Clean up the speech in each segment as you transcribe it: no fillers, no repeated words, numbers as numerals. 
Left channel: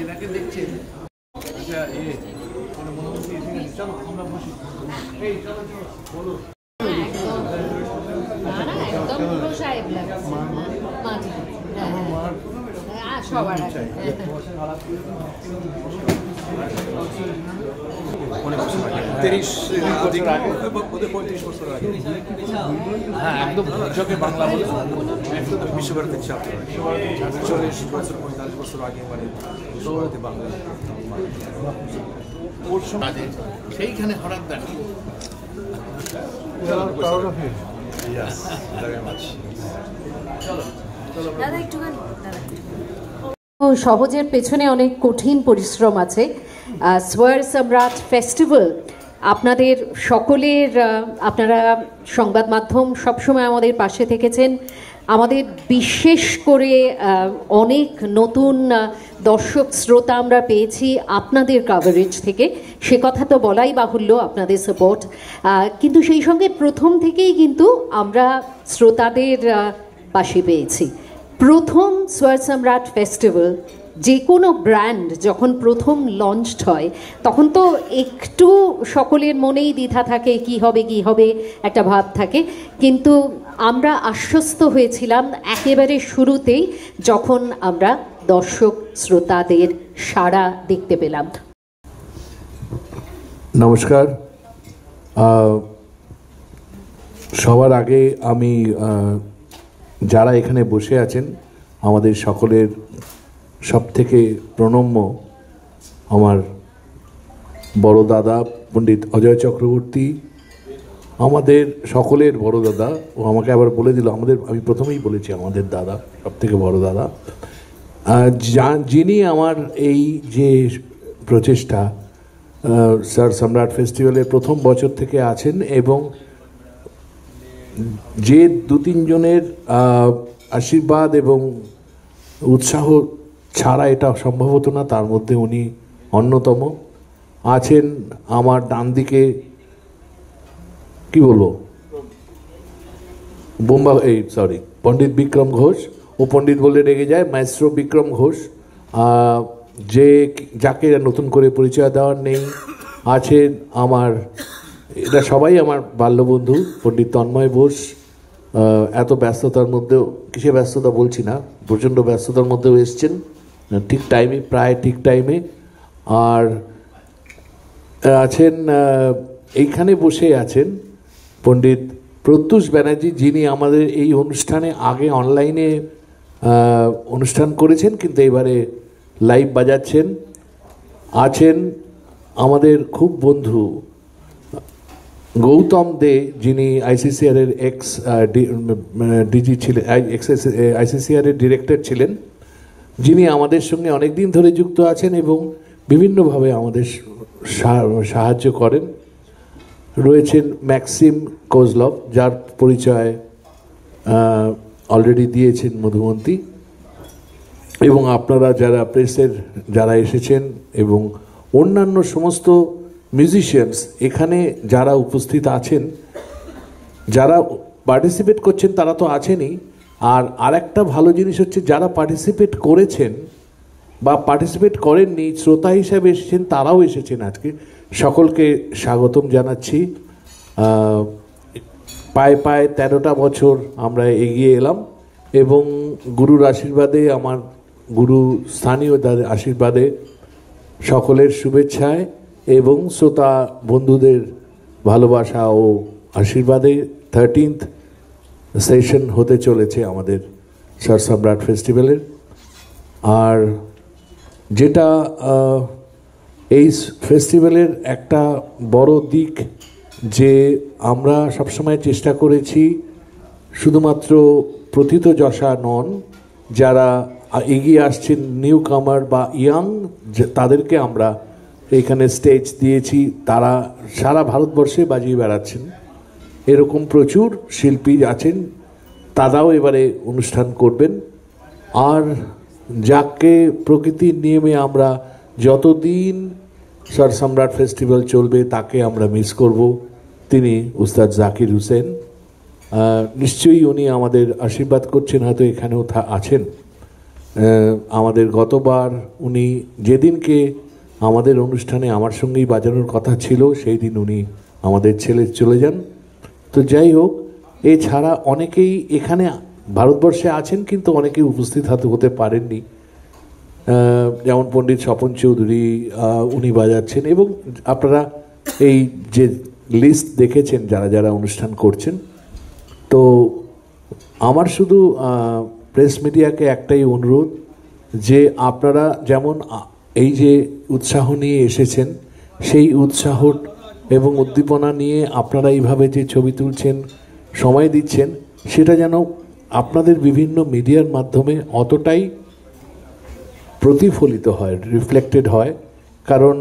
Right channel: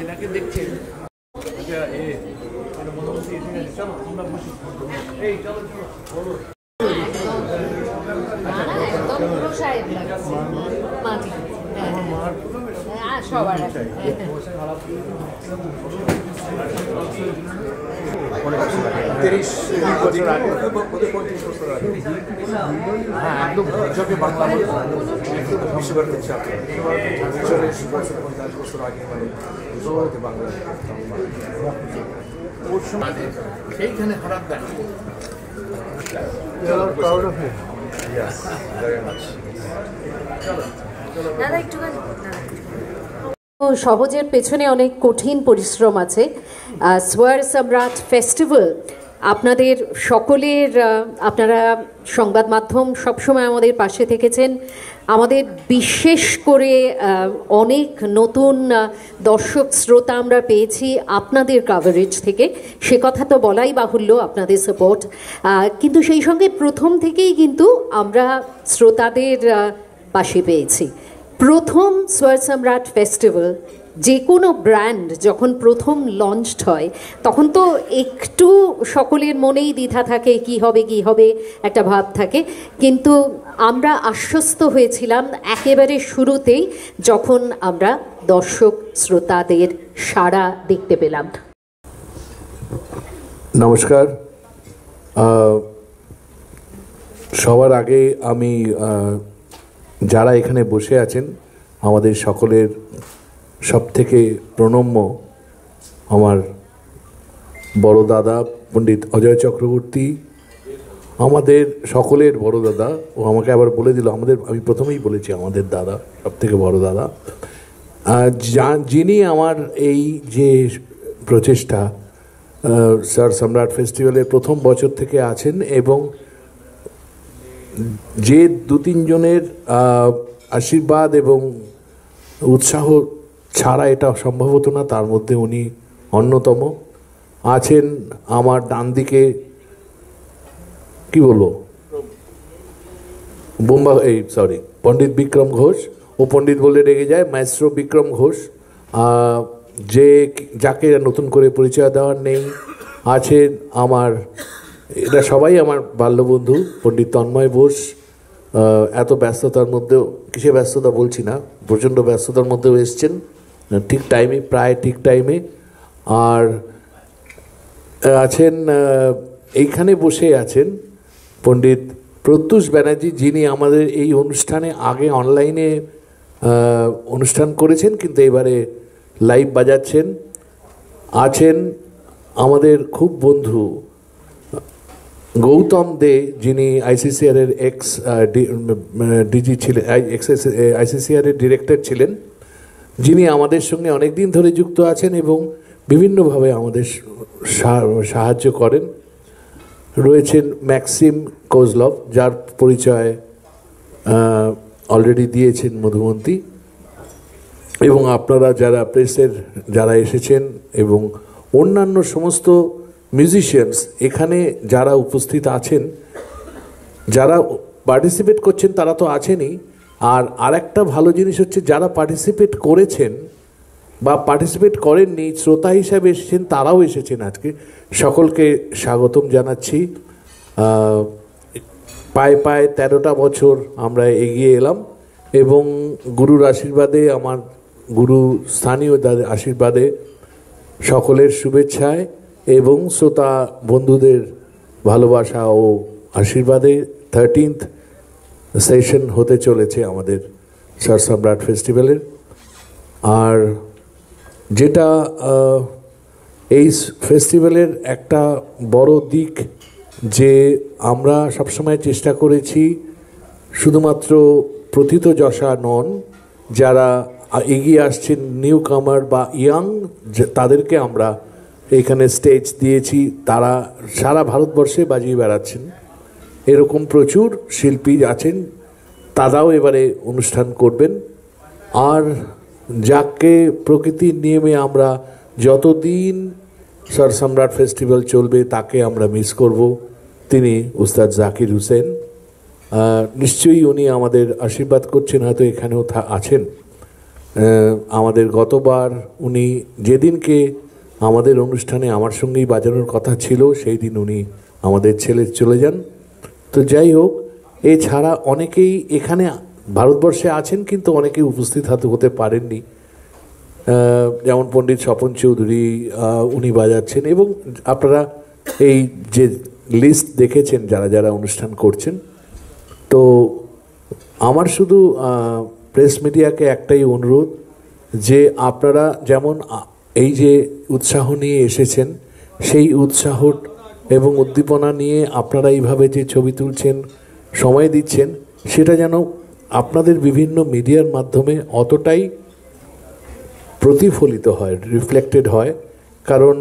এনাকে দেখছেন আচ্ছা মনোমন্ত্রী এসে গেছে, চলো আমরা বসি। এই চলো চলো বলো। হ্যাঁ একদম চোখে বাংলা বিশ্বভারতীর ছাত্র 40 বছর 45 বছর আগে মানে বিশ্বভারতী বাংলা ওর সময় সেইখানে হঠাৎ দেখা। সহজের পেছনে অনেক কঠিন পরিশ্রম আছে। স্বর সম্রাট ফেস্টিভ্যাল আপনাদের সকলের, আপনারা সংবাদ মাধ্যম সবসময় আমাদের পাশে থেকেছেন। আমাদের বিশেষ করে অনেক নতুন দর্শক শ্রোতা আমরা পেয়েছি আপনাদের কাভারেজ থেকে, সে কথা তো বলাই বাহুল্য, আপনাদের সাপোর্ট। কিন্তু সেই সঙ্গে প্রথম থেকেই কিন্তু আমরা শ্রোতাদের পাশে পেয়েছি। প্রথম স্বর সম্রাট ফেস্টিভ্যাল যে কোনো ব্র্যান্ড যখন প্রথম লঞ্চড হয় তখন তো একটু সকলের মনেই দ্বিধা থাকে, কি হবে একটা ভাব থাকে। কিন্তু আমরা আশ্বস্ত হয়েছিলাম একেবারে শুরুতেই যখন আমরা দর্শক শ্রোতাদের সাড়া দেখতে পেলাম। নমস্কার। সবার আগে আমি যারা এখানে বসে আছেন আমাদের সকলের সবথেকে প্রণম্য আমার বড় দাদা পণ্ডিত অজয় চক্রবর্তী, আমাদের সকলের বড় দাদা। ও আমাকে আবার বলে দিল আমি প্রথমেই বলেছি আমাদের দাদা, সবথেকে বড় দাদা, যিনি আমার এই যে প্রচেষ্টা স্বর সম্রাট ফেস্টিভ্যালের প্রথম বছর থেকে আছেন, এবং যে 2-3 জনের আশীর্বাদ এবং উৎসাহ ছাড়া এটা সম্ভব হতো না, তার মধ্যে উনি অন্যতম। আছেন আমার ডান দিকে, কি বলবো, পণ্ডিত বিক্রম ঘোষ। ও পণ্ডিত বলে রেগে যায়, মাইস্ট্রো বিক্রম ঘোষ, যাকে নতুন করে পরিচয় দেওয়ার নেই। আছেন এরা সবাই আমার বাল্যবন্ধু, পণ্ডিত তন্ময় বোস। এত ব্যস্ততার মধ্যেও, কিসে ব্যস্ততা বলছি না, প্রচণ্ড ব্যস্ততার মধ্যেও এসছেন ঠিক টাইমে, প্রায় ঠিক টাইমে। আর আছেন এইখানে বসে আছেন পণ্ডিত প্রত্যুষ ব্যানার্জি, যিনি আমাদের এই অনুষ্ঠানে আগে অনলাইনে অনুষ্ঠান করেছেন কিন্তু এবারে লাইভ বাজাচ্ছেন। আছেন আমাদের খুব বন্ধু গৌতম দে, যিনি আইসিসিআর এর ডিজি ছিলেন, আইসিসিআর এর ডিরেক্টর ছিলেন, যিনি আমাদের সঙ্গে অনেকদিন ধরে যুক্ত আছেন এবং বিভিন্নভাবে আমাদের সাহায্য করেন। রয়েছেন ম্যাক্সিম কোজলভ, যার পরিচয় অলরেডি দিয়েছেন মধুমন্তী, এবং আপনারা যারা প্রেসের যারা এসেছেন এবং অন্যান্য সমস্ত মিউজিশিয়ানস এখানে যারা উপস্থিত আছেন, যারা পার্টিসিপেট করছেন তারা তো আছেনই, আর আরেকটা ভালো জিনিস হচ্ছে যারা পার্টিসিপেট করেছেন বা পার্টিসিপেট করেননি, শ্রোতা হিসাবে এসেছেন, তারাও এসেছেন আজকে। সকলকে স্বাগতম জানাচ্ছি। পায়ে 13টা বছর আমরা এগিয়ে এলাম, এবং গুরুর আশীর্বাদে, আমার গুরু স্থানীয় আশীর্বাদে, সকলের শুভেচ্ছায় এবং শ্রোতা বন্ধুদের ভালোবাসা ও আশীর্বাদে 13th সেশন হতে চলেছে আমাদের স্বর সম্রাট ফেস্টিভ্যালের। আর যেটা এই ফেস্টিভ্যালের একটা বড় দিক, যে আমরা সবসময় চেষ্টা করেছি শুধুমাত্র প্রথিতযশা নন, যারা এগিয়ে আসছেন নিউ কামার বা ইয়াং, তাদেরকে আমরা এইখানে স্টেজ দিয়েছি, তারা সারা ভারতবর্ষে বাজিয়ে বেড়াচ্ছেন। এরকম প্রচুর শিল্পী আছেন, তারাও এবারে অনুষ্ঠান করবেন। আর যাকে প্রকৃতির নিয়মে আমরা যতদিন স্বর সম্রাট ফেস্টিভ্যাল চলবে তাকে আমরা মিস করব, তিনি উস্তাদ জাকির হুসেন। নিশ্চয়ই উনি আমাদের আশীর্বাদ করছেন, হয়তো এখানেও আছেন। আমাদের গতবার উনি যেদিনকে আমাদের অনুষ্ঠানে আমার সঙ্গেই বাজানোর কথা ছিল সেই দিন উনি আমাদের ছেলে চলে যান। তো যাই হোক, এছাড়া অনেকেই এখানে ভারতবর্ষে আছেন কিন্তু অনেকেই উপস্থিত হতে পারেননি, যেমন পণ্ডিত স্বপন চৌধুরী উনি বাজাচ্ছেন, এবং আপনারা এই যে লিস্ট দেখেছেন যারা যারা অনুষ্ঠান করছেন। তো আমার শুধু প্রেস মিডিয়াকে একটাই অনুরোধ যে আপনারা যেমন এই যে উৎসাহ নিয়ে এসেছেন, সেই উৎসাহ এবং উদ্দীপনা নিয়ে আপনারা এইভাবে যে ছবি তুলছেন, সময় দিচ্ছেন, সেটা যেন আপনাদের বিভিন্ন মিডিয়ার মাধ্যমে অতটাই প্রতিফলিত হয়, রিফ্লেক্টেড হয়। কারণ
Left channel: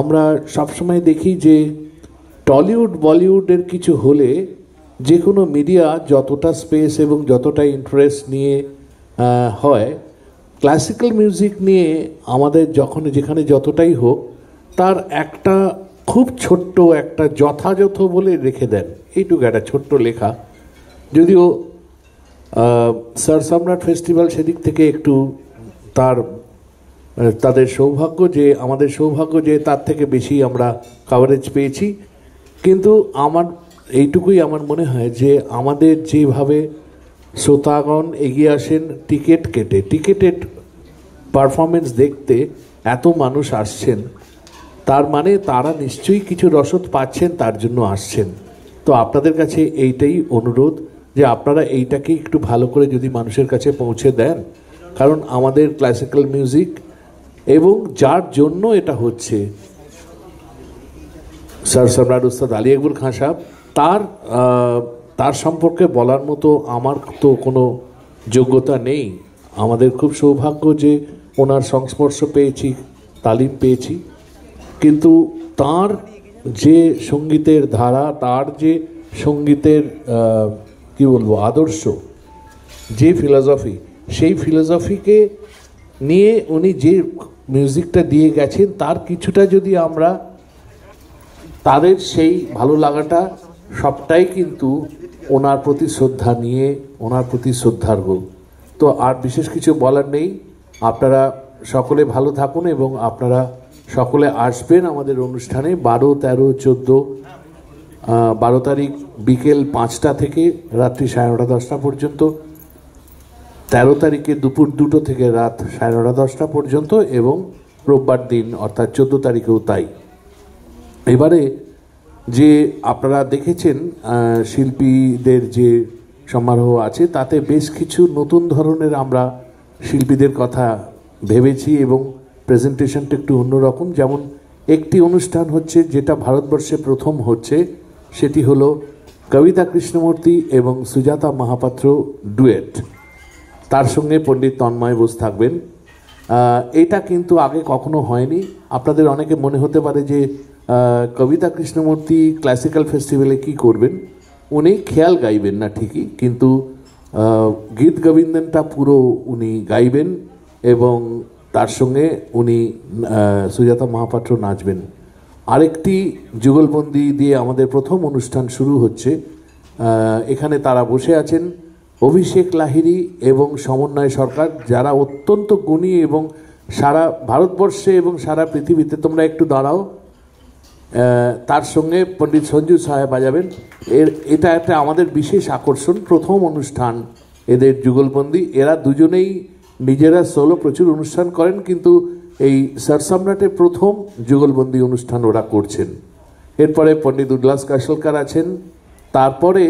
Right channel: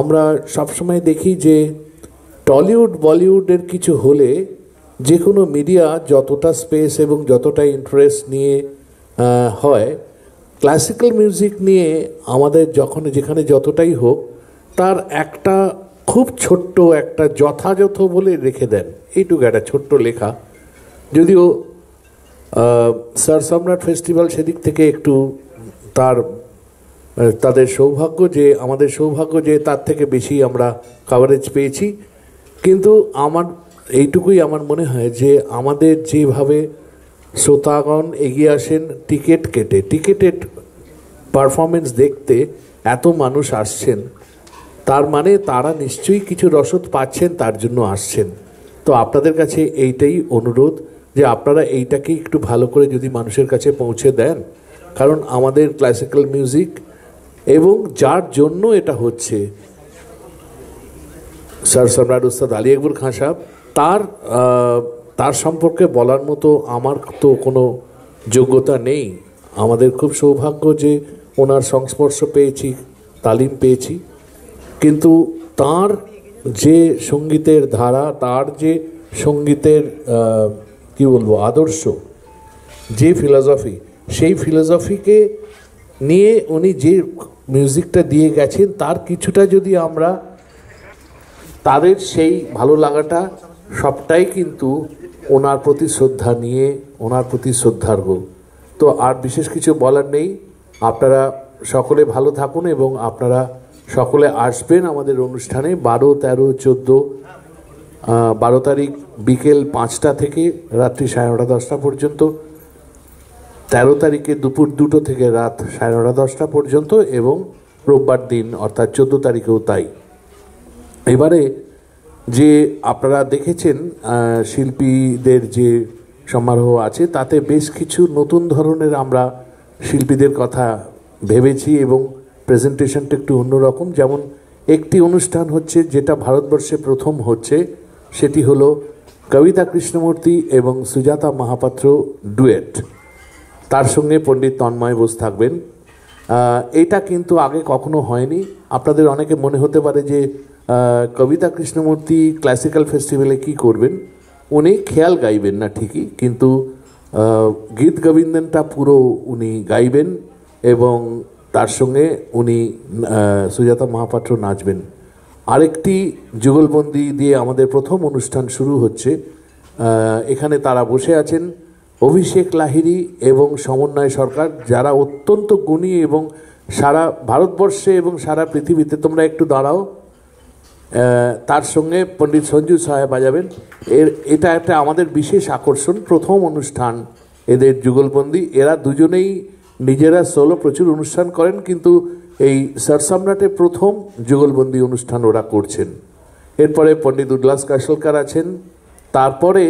আমরা সবসময় দেখি যে টলিউড বলিউডের কিছু হলে যে কোনো মিডিয়া যতটা স্পেস এবং যতটা ইন্টারেস্ট নিয়ে হয়, ক্লাসিক্যাল মিউজিক নিয়ে আমাদের যেখানে যতটাই হোক তার একটা খুব ছোট্ট একটা যথাযথ বলে রেখে দেন, এইটুকু একটা ছোট্ট লেখা। যদিও স্যার সম্রাট ফেস্টিভ্যাল সেদিক থেকে একটু তাদের সৌভাগ্য যে আমাদের সৌভাগ্য যে তার থেকে বেশি আমরা কভারেজ পেয়েছি। কিন্তু এইটুকুই আমার মনে হয় যে আমাদের যেভাবে শ্রোতাগণ এগিয়ে আসেন টিকিট কেটে, টিকিটেড পারফরমেন্স দেখতে এত মানুষ আসছেন, তার মানে তারা নিশ্চয়ই কিছু রসদ পাচ্ছেন, তার জন্য আসছেন। তো আপনাদের কাছে এইটাই অনুরোধ যে আপনারা এইটাকে একটু ভালো করে যদি মানুষের কাছে পৌঁছে দেন, কারণ আমাদের ক্লাসিক্যাল মিউজিক এবং যার জন্য এটা হচ্ছে স্যার সম্রাট উস্তাদ আলী আকবর খাঁ সাহেব, তার সম্পর্কে বলার মতো আমার তো কোনো যোগ্যতা নেই। আমাদের খুব সৌভাগ্য যে ওনার সংস্পর্শ পেয়েছি, তালিম পেয়েছি, কিন্তু তার যে সঙ্গীতের ধারা, তার যে সঙ্গীতের কি বলবো আদর্শ, যে ফিলসফি, সেই ফিলসফিকে নিয়ে উনি যে মিউজিকটা দিয়ে গেছেন, তার কিছুটা যদি আমরা তাদের সেই ভালো লাগাটা সবটাই কিন্তু ওনার প্রতি শ্রদ্ধা নিয়ে, ওনার প্রতি শ্রদ্ধার্ঘ। তো আর বিশেষ কিছু বলার নেই। আপনারা সকলে ভালো থাকুন এবং আপনারা সকলে আসবেন আমাদের অনুষ্ঠানে 12, 13, 14, 12 তারিখ বিকেল 5টা থেকে রাত্রি 9:30, 10টা পর্যন্ত, 13 তারিখে দুপুর 2টো থেকে রাত 9:30, 10টা পর্যন্ত, এবং রোববার দিন অর্থাৎ 14 তারিখেও তাই। এবারে যে আপনারা দেখেছেন শিল্পীদের যে সমারোহ আছে, তাতে বেশ কিছু নতুন ধরনের আমরা শিল্পীদের কথা ভেবেছি এবং প্রেজেন্টেশনটা একটু অন্যরকম। যেমন একটি অনুষ্ঠান হচ্ছে যেটা ভারতবর্ষে প্রথম হচ্ছে, সেটি হলো কবিতা কৃষ্ণমূর্তি এবং সুজাতা মহাপাত্র ডুয়েট, তার সঙ্গে পণ্ডিত তন্ময় বোস থাকবেন। এটা কিন্তু আগে কখনো হয়নি। আপনাদের অনেকে মনে হতে পারে যে কবিতা কৃষ্ণমূর্তি ক্লাসিক্যাল ফেস্টিভ্যালে কি করবেন, উনি খেয়াল গাইবেন না ঠিকই, কিন্তু গীত গোবিন্দনটা পুরো উনি গাইবেন এবং তার সঙ্গে উনি সুজাতা মহাপাত্র নাচবেন। আরেকটি যুগলবন্দি দিয়ে আমাদের প্রথম অনুষ্ঠান শুরু হচ্ছে। এখানে তারা বসে আছেন অভিষেক লাহিড়ী এবং সমন্বয় সরকার, যারা অত্যন্ত গুণী এবং সারা ভারতবর্ষে এবং সারা পৃথিবীতে, তোমরা একটু দাঁড়াও, তার সঙ্গে পণ্ডিত সঞ্জু সাহেব বাজাবেন। এটা একটা আমাদের বিশেষ আকর্ষণ, প্রথম অনুষ্ঠান এদের যুগলবন্দি। এরা দুজনেই নিজেরা সোলো প্রচুর অনুষ্ঠান করেন, কিন্তু এই স্যার সম্রাটের প্রথম যুগলবন্দি অনুষ্ঠান ওরা করছেন। এরপরে পণ্ডিত উল্লাস কাশলকার আছেন। তারপরে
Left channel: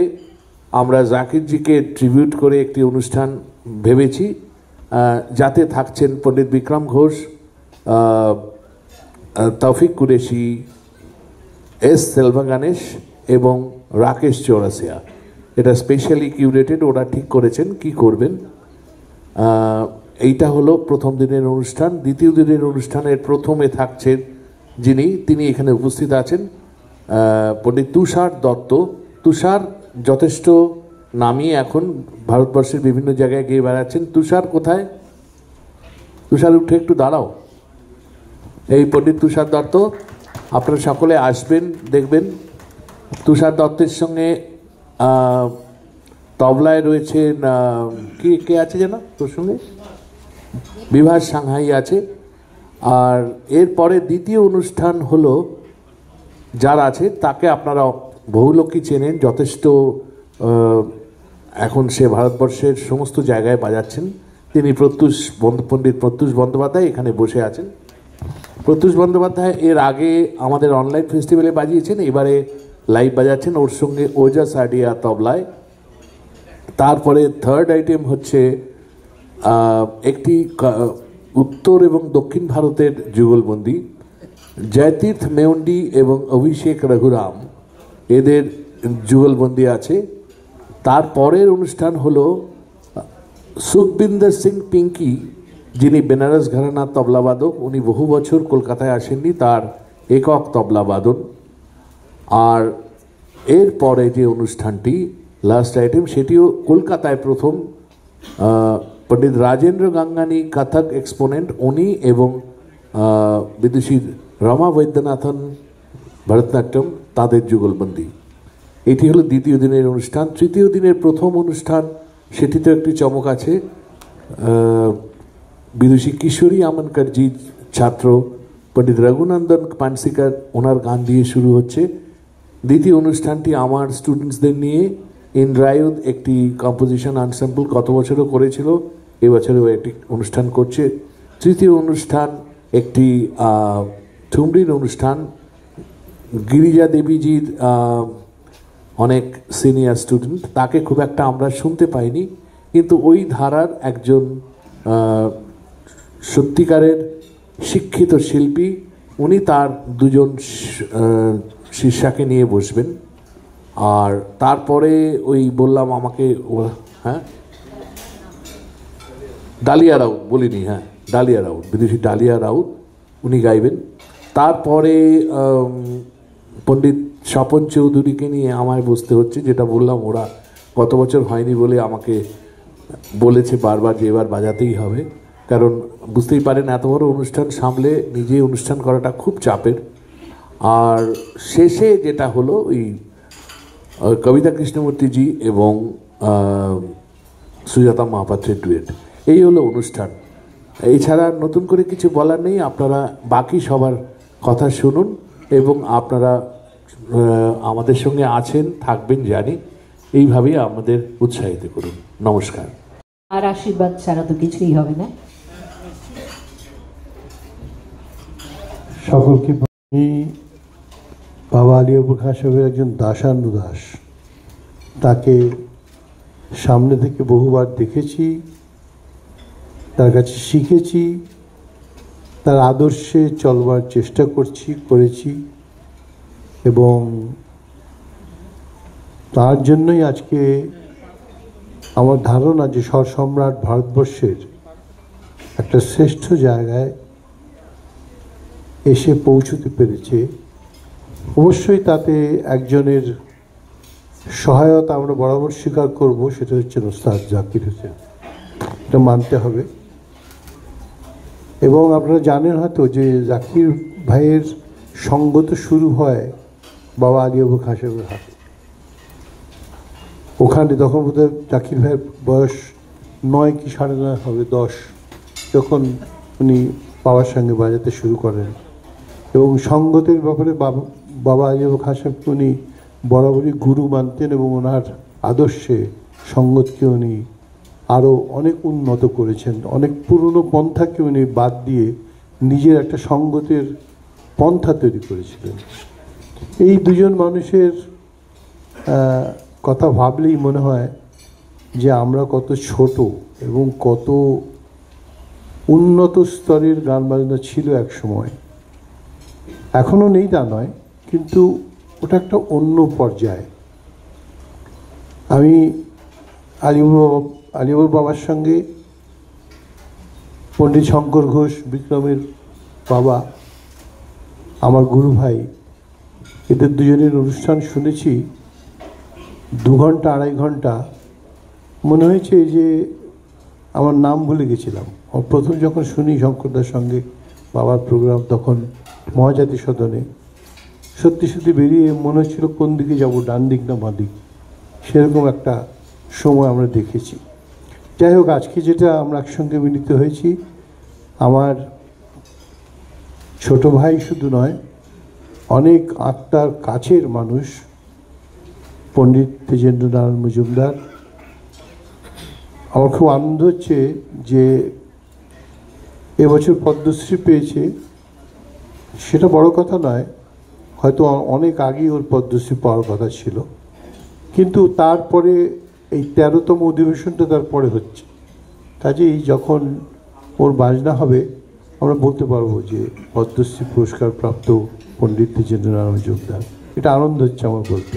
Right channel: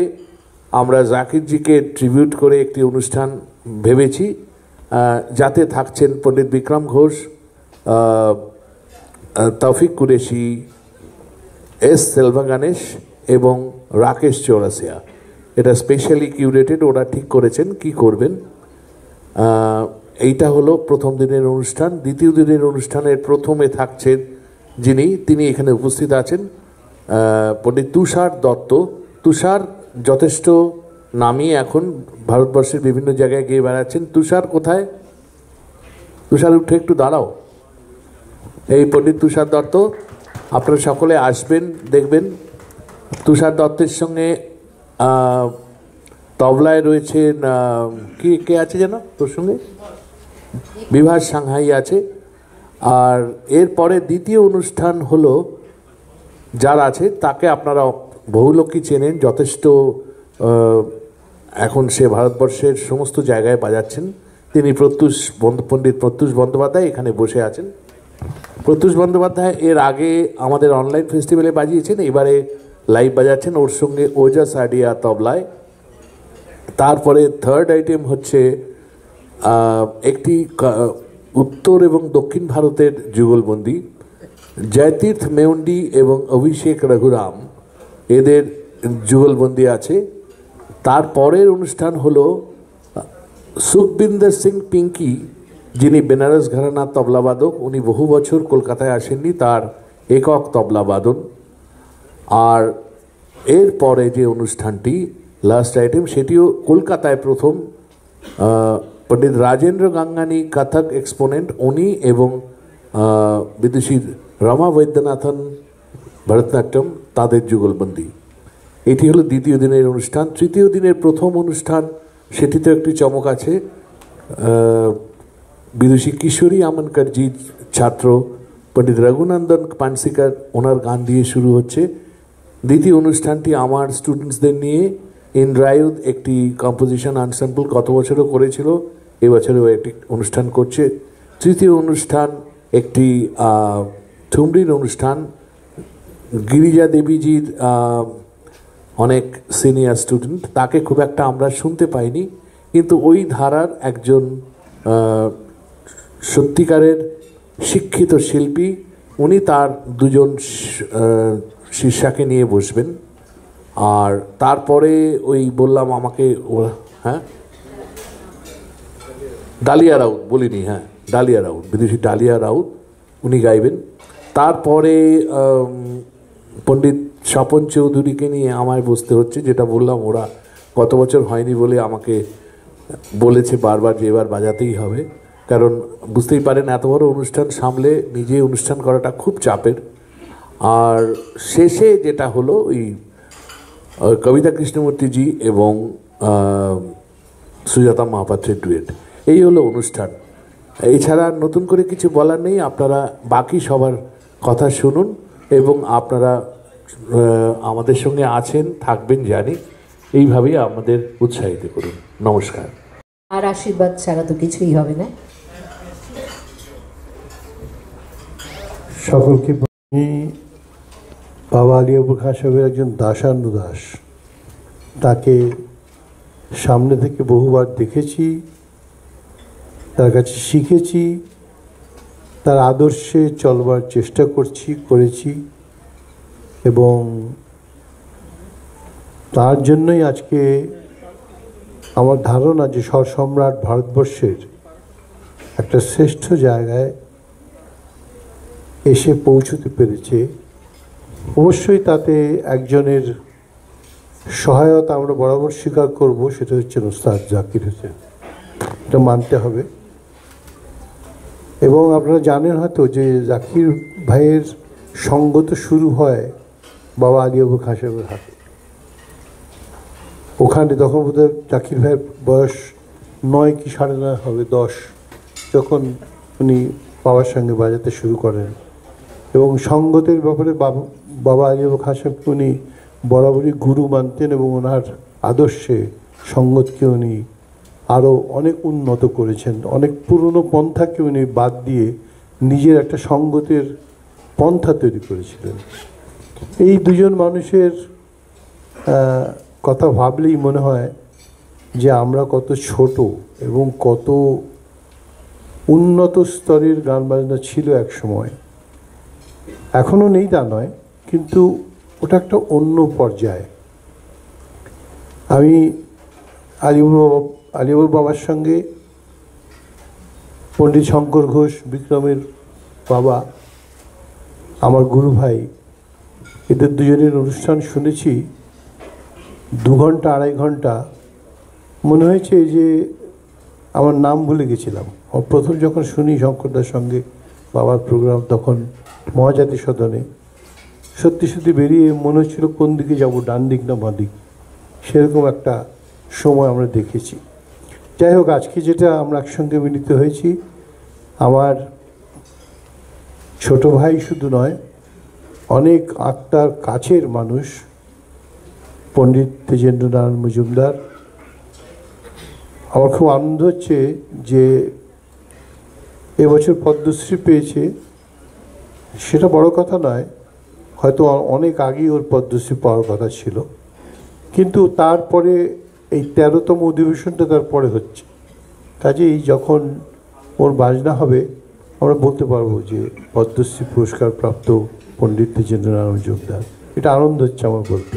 আমরা জাকিরজিকে ট্রিবিউট করে একটি অনুষ্ঠান ভেবেছি, যাতে থাকছেন পণ্ডিত বিক্রম ঘোষ, তৌফিক কুরেশি, এস সেলভা গণেশ এবং রাকেশ চৌরাসিয়া। এটা স্পেশালি কিউরেটেড, ওরা ঠিক করেছেন কি করবেন। এইটা হলো প্রথম দিনের অনুষ্ঠান। দ্বিতীয় দিনের অনুষ্ঠানের প্রথমে থাকছেন তিনি এখানে উপস্থিত আছেন, পণ্ডিত তুষার দত্ত। তুষার যথেষ্ট নামি, এখন ভারতবর্ষের বিভিন্ন জায়গায় গিয়ে বেড়াচ্ছেন। তুষার কোথায়? তুষার উঠে একটু দাঁড়াও। এই পণ্ডিত তুষার দত্ত, আপনারা সকলে আসবেন, দেখবেন। তুষার দত্তের সঙ্গে তবলায় রয়েছেন কে কে আছে যেন তোর সঙ্গে? বিভাস সাংহাই আছে। আর এরপরে দ্বিতীয় অনুষ্ঠান হলো, যার আছে তাকে আপনারা বহু লোকই চেনেন, যথেষ্ট এখন সে ভারতবর্ষের সমস্ত জায়গায় বাজাচ্ছেন। তিনি পণ্ডিত প্রত্যুষ বন্দ্যোপাধ্যায় এখানে বসে আছেন। প্রত্যুষ বন্দ্যোপাধ্যায় এর আগে আমাদের অনলাইন ফেস্টিভ্যালে বাজিয়েছেন, এবারে লাইভ বাজাচ্ছেন ওর সঙ্গে ওজা সাডিয়া তবলায়। তারপরে থার্ড আইটেম হচ্ছে একটি উত্তর এবং দক্ষিণ ভারতের যুগলবন্দি, জয়তীর্থ মেউন্ডি এবং অভিষেক রঘুরাম, এদের যুগলবন্দি আছে। তারপরের অনুষ্ঠান হলো সুখবিন্দর সিং পিঙ্কি, যিনি বেনারস ঘরানার তবলাবাদক, উনি বহু বছর কলকাতায় আসেননি, তার একক তবলাবাদন। আর এরপরে যে অনুষ্ঠানটি লাস্ট আইটেম, সেটিও কলকাতায় প্রথম, পণ্ডিত রাজেন্দ্র গাঙ্গানি কথক এক্সপোনেন্ট, উনি এবং বিদুষী রমা বৈদ্যনাথন ভরতনাট্যম, তাদের যুগলবন্দি। এটি হলো দ্বিতীয় দিনের অনুষ্ঠান। তৃতীয় দিনের প্রথম অনুষ্ঠান, সেটিতে একটি চমক আছে। বিদুষী কিশোরী আমনকরজির ছাত্র পণ্ডিত রঘুনন্দন পানসিকার, ওনার গান দিয়ে শুরু হচ্ছে। দ্বিতীয় অনুষ্ঠানটি আমার স্টুডেন্টসদের নিয়ে ইন্দ্রায়ুধ একটি কম্পোজিশন আনস্যাম্পল গত বছরও করেছিল, এবছরেও একটি অনুষ্ঠান করছে। তৃতীয় অনুষ্ঠান একটি ঠুমরির অনুষ্ঠান, গিরিজা দেবীজির অনেক সিনিয়র স্টুডেন্ট, তাকে খুব একটা আমরা শুনতে পাইনি, কিন্তু ওই ধারার একজন সত্যিকারের শিক্ষিত শিল্পী, উনি তার দুজন শিষ্যাকে নিয়ে বসবেন। আর তারপরে ওই বললাম আমাকে, হ্যাঁ ডালিয়া রাউত বলিনি, হ্যাঁ ডালিয়া রাউত, বিদেশি ডালিয়া রাউত, উনি গাইবেন। তারপরে পণ্ডিত স্বপন চৌধুরীকে নিয়ে আমায় বসতে হচ্ছে, যেটা বললাম ওরা গত বছর হয়নি বলে আমাকে বলেছে বারবার যে এবার বাজাতেই হবে, কারণ বুঝতেই পারেন এত বড় অনুষ্ঠান সামলে নিজে অনুষ্ঠান করাটা খুব চাপের। আর শেষে যেটা হলো ওই কবিতা কৃষ্ণমূর্তিজি এবং সুজাতা মহাপাত্রের ডুয়েট, এই হলো অনুষ্ঠান। এছাড়া নতুন করে কিছু বলার নেই, আপনারা বাকি সবার কথা শুনুন এবং আপনারা আমাদের সঙ্গে আছেন, থাকবেন জানি, এইভাবেই আমাদের উৎসাহিত করুন। নমস্কার। আর আশীর্বাদ ছাড়া তো কিছুই হবে না। সকলকে বাবা আলিয়াবুর খান সাহেবের একজন দাসানুদাস, তাকে সামনে থেকে বহুবার দেখেছি, তার কাছে শিখেছি, তার আদর্শে চলবার চেষ্টা করেছি এবং তার জন্যই আজকে আমার ধারণা যে সম্রাট ভারতবর্ষের একটা শ্রেষ্ঠ জায়গায় এসে পৌঁছতে পেরেছে। অবশ্যই তাতে একজনের সহায়তা আমরা বরাবর স্বীকার করব, সেটা হচ্ছে ওস্তাদ জাকির হোসেন, এটা মানতে হবে। এবং আপনারা জানেন হয়তো যে জাকির ভাইয়ের সঙ্গ তো শুরু হয় বাবা আলিয়াবুর খান সাহেবের হাতে। ওখানে তখন বোধহয় জাকির ভাইয়ের বয়স 9 কি 9.5 হবে, 10, যখন উনি বাবার সঙ্গে বাজাতে শুরু করেন। এবং সঙ্গতের ব্যাপারে বাবা আলিয়াবুর খান সাহেবকে উনি বরাবরই গুরু মানতেন এবং ওনার আদর্শে সঙ্গতকে উনি আরও অনেক উন্নত করেছেন। অনেক পুরনো পন্থাকে উনি বাদ দিয়ে নিজের একটা সঙ্গতের পন্থা তৈরি করেছিলেন। এই দুজন মানুষের কথা ভাবলেই মনে হয় যে আমরা কত ছোট এবং কত উন্নত স্তরের গান বাজনা ছিল এক সময়। এখনও নেই তা নয়, কিন্তু ওটা একটা অন্য পর্যায়ে। আমি আলিয়াবুর বাবার সঙ্গে পণ্ডিত শঙ্কর ঘোষ, বিক্রমের বাবা, আমার গুরু ভাই, এদের দুজনের অনুষ্ঠান শুনেছি 2 ঘন্টা 2.5 ঘন্টা। মনে হয়েছে যে আমার নাম ভুলে গেছিলাম। প্রথম যখন শুনি শঙ্করদার সঙ্গে বাবার প্রোগ্রাম, তখন মহাজাতি সদনে সত্যি সত্যি বেরিয়ে মনে হচ্ছিল কোন দিকে যাব, ডান দিক না বাঁ দিক, সেরকম একটা সময় আমরা দেখেছি। যাই হোক, আজকে যেটা আমরা একসঙ্গে মিলিত হয়েছি, আমার ছোট ভাই শুধু নয়, অনেক আত্মার কাছের মানুষ পণ্ডিত তেজেন্দ্রনারায়ণ মজুমদার। আমার খুব আনন্দ হচ্ছে যে এবছর পদ্মশ্রী পেয়েছে, সেটা বড় কথা নয়, হয়তো অনেক আগেই ওর পদ্মশ্রী পাওয়ার কথা ছিল, কিন্তু তারপরে এই 13তম অধিবেশনটা তারপরে হচ্ছে। কাজেই যখন ওর বাজনা হবে আমরা বলতে পারবো যে পদ্মশ্রী পুরস্কার প্রাপ্ত পণ্ডিত তেজেন্দ্রনারায়ণ মজুমদার। এটা আনন্দ হচ্ছে আমার বলতে।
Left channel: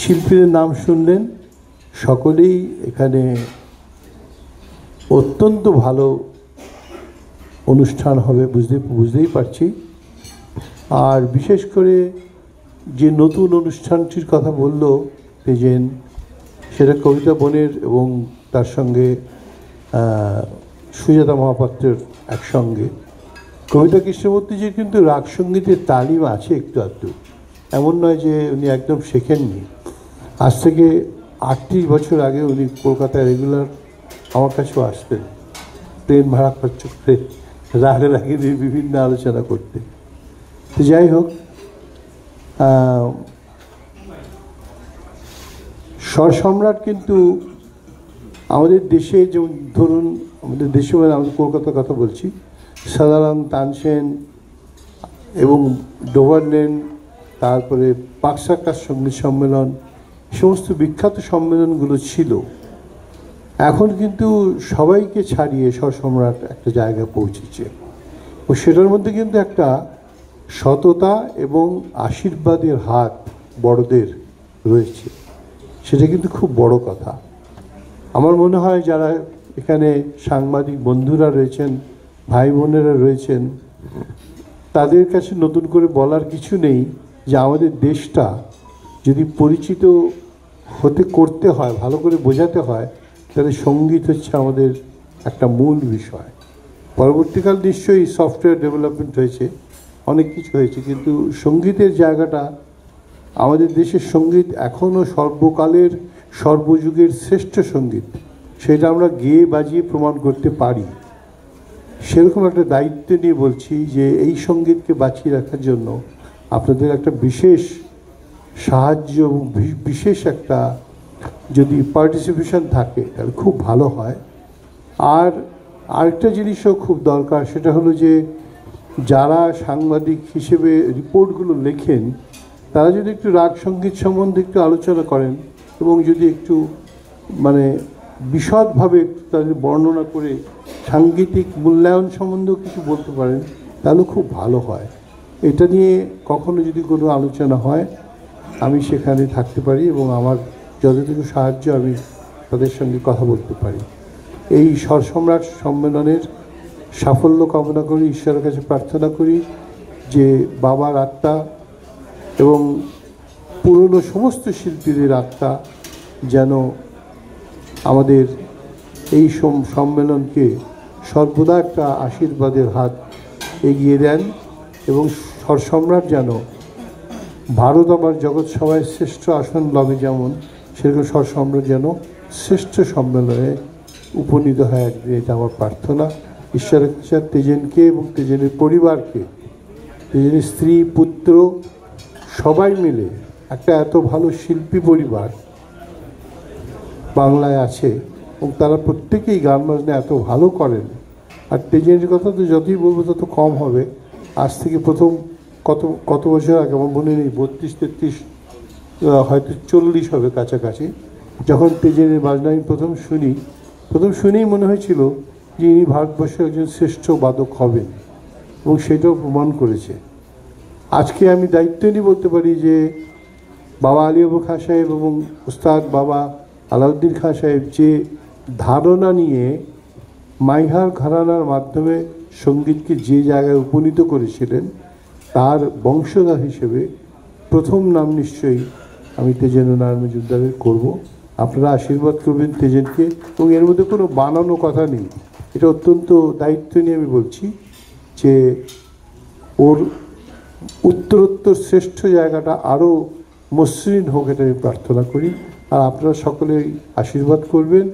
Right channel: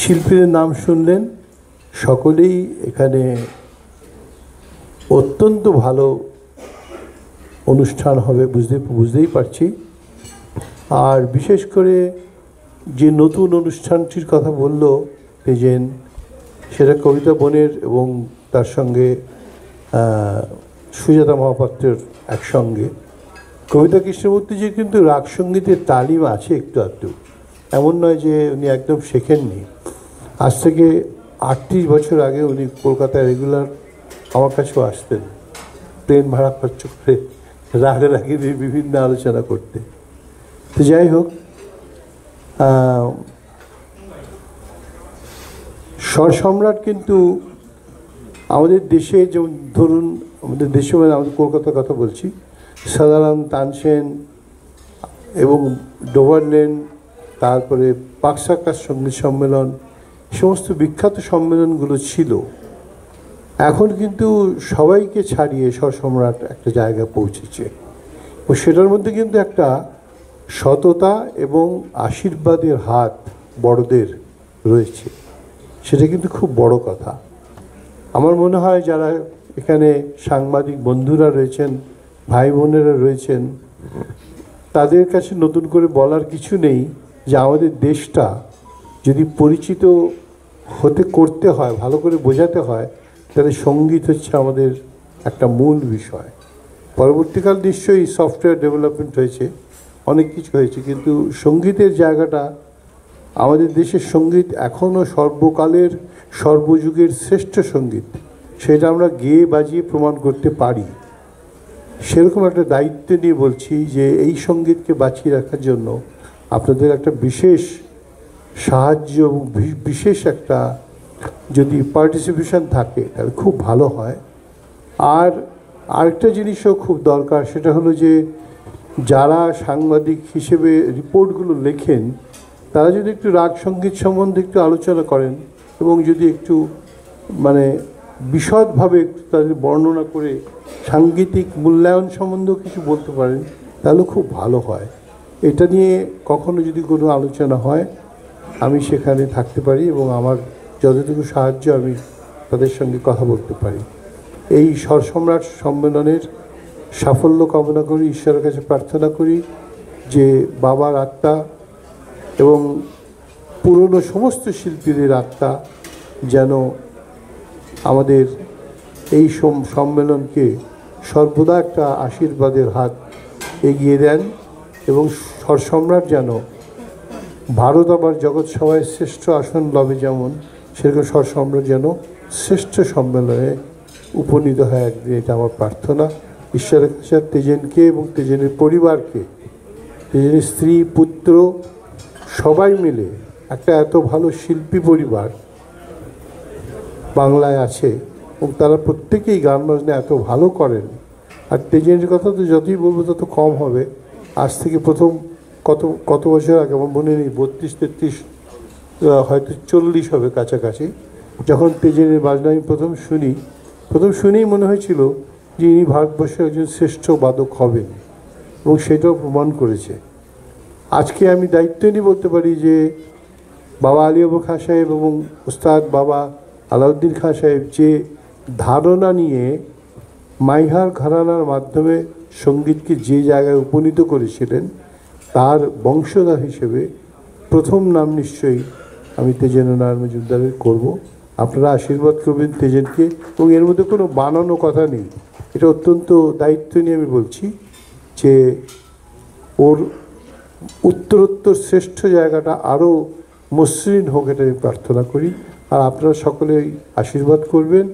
শিল্পীদের নাম শুনলেন, সকলেই এখানে অত্যন্ত ভালো অনুষ্ঠান হবে বুঝতেই পারছি। আর বিশেষ করে যে নতুন অনুষ্ঠানটির কথা বলল তেজেন, সেটা কবিতা বনের এবং তার সঙ্গে সুজাতা মহাপাত্রের একসঙ্গে। কবিতা কৃষ্ণমূর্তিজির কিন্তু রাগ সঙ্গীতের তালিম আছে একটু আধটু, এমন নয় যে উনি একদম শেখেননি। আজ থেকে 38 বছর আগে উনি কলকাতায় রেগুলার আমার কাছেও আসতেন, ট্রেন ভাড়া খরচ করে রাগে রাগে বিভিন্ন আলোচনা করতে। তো যাই হোক, স্বরসম্রাট কিন্তু আমাদের দেশে, যেমন ধরুন আমাদের দেশে মানে আমাদের কলকাতার কথা বলছি, সাধারণ তানসেন এবং ডোভারলেন, তারপরে পাকসাকার সঙ্গীত সম্মেলন, সমস্ত বিখ্যাত সম্মেলনগুলো ছিল। এখন কিন্তু সবাইকে ছাড়িয়ে স্বরসম্রাট একটা জায়গায় পৌঁছেছে, ও সেটার মধ্যে কিন্তু একটা সততা এবং আশীর্বাদের হাত বড়দের রয়েছে, সেটা কিন্তু খুব বড় কথা। আমার মনে হয় যারা এখানে সাংবাদিক বন্ধুরা রয়েছেন, ভাই বোনেরা রয়েছেন, তাদের কাছে নতুন করে বলার কিছু নেই যে আমাদের দেশটা যদি পরিচিত করতে হয়, ভালো করে বোঝাতে হয়, তাহলে সঙ্গীত হচ্ছে আমাদের একটা মূল বিষয়। পরবর্তীকাল নিশ্চয়ই সফটওয়্যার ডেভেলপমেন্ট হয়েছে, অনেক কিছু হয়েছে, কিন্তু সঙ্গীতের জায়গাটা, আমাদের দেশের সঙ্গীত এখনও সর্বকালের সর্বযুগের শ্রেষ্ঠ সঙ্গীত, সেটা আমরা গেয়ে বাজিয়ে প্রমাণ করতে পারি। সেরকম একটা দায়িত্ব নিয়ে বলছি যে এই সঙ্গীতকে বাঁচিয়ে রাখার জন্য আপনাদের একটা বিশেষ সাহায্য এবং বিশেষ একটা যদি পার্টিসিপেশন থাকে তাহলে খুব ভালো হয়। আর আরেকটা জিনিসও খুব দরকার, সেটা হলো যে যারা সাংবাদিক হিসেবে রিপোর্টগুলো লেখেন, তারা যদি একটু রাগ সঙ্গীত সম্বন্ধে একটু আলোচনা করেন এবং যদি একটু মানে বিশদভাবে একটু তাদের বর্ণনা করে সাংগীতিক মূল্যায়ন সম্বন্ধেও কিছু বলতে পারেন, তাহলে খুব ভালো হয়। এটা নিয়ে কখনো যদি কোনো আলোচনা হয়, আমি সেখানে থাকতে পারি এবং আমার যতটুকু সাহায্য আমি তাদের সঙ্গে কথা বলতে পারি। এই স্বরসম্রাট সম্মেলনের সাফল্য কামনা করি, ঈশ্বরের কাছে প্রার্থনা করি যে বাবার আত্মা এবং পুরনো সমস্ত শিল্পীদের আত্মা যেন আমাদের এই সম্মেলনকে সর্বদা একটা আশীর্বাদের হাত এগিয়ে দেন এবং স্বরসম্রাট যেন ভারত আবার জগৎ সভায় শ্রেষ্ঠ আসন লবে, যেমন সেরকম স্বরসম্রাট যেন শ্রেষ্ঠ সম্মেলনে উপনীত হয় একদিন, এটা আমার প্রার্থনা। ঈশ্বরের কাছে তেজেনকে এবং তেজেনের পরিবারকে, তেজেনের স্ত্রী পুত্র সবাই মিলে একটা এত ভালো শিল্পী পরিবার বাংলায় আছে এবং তারা প্রত্যেকেই গান বাজনা এত ভালো করেন। আর তেজেনের কথা তো যতই বলবো তত কম হবে। আজ থেকে প্রথম কত বছর আগে, আমার মনে নেই, 32-33 হয়তো 40 হবে কাছাকাছি, যখন তেজেনের বাজনা আমি প্রথম শুনেই মনে হয়েছিল যে ইনি ভারতবর্ষের একজন শ্রেষ্ঠ বাদক হবেন এবং সেটাও প্রমাণ করেছে। আজকে আমি দায়িত্ব নিয়ে বলতে পারি যে বাবা আলিয়াবু খাঁ সাহেব এবং ওস্তাদ বাবা আলাউদ্দিন খাঁ সাহেব যে ধারণা নিয়ে মাইহার ঘরানার মাধ্যমে সঙ্গীতকে যে জায়গায় উপনীত করেছিলেন, তার বংশধর হিসেবে প্রথম নাম নিশ্চয়ই আমি তেজেন্দ্রনারায়ণ মজুমদারের করব। আপনারা আশীর্বাদ করবেন তেজেনকে, এবং এর মধ্যে কোনো বানানো কথা নেই, এটা অত্যন্ত দায়িত্ব নিয়ে আমি বলছি যে ওর উত্তরোত্তর শ্রেষ্ঠ জায়গাটা আরও মসৃণ হোক, এটা আমি প্রার্থনা করি। আর আপনারা সকলেই আশীর্বাদ করবেন।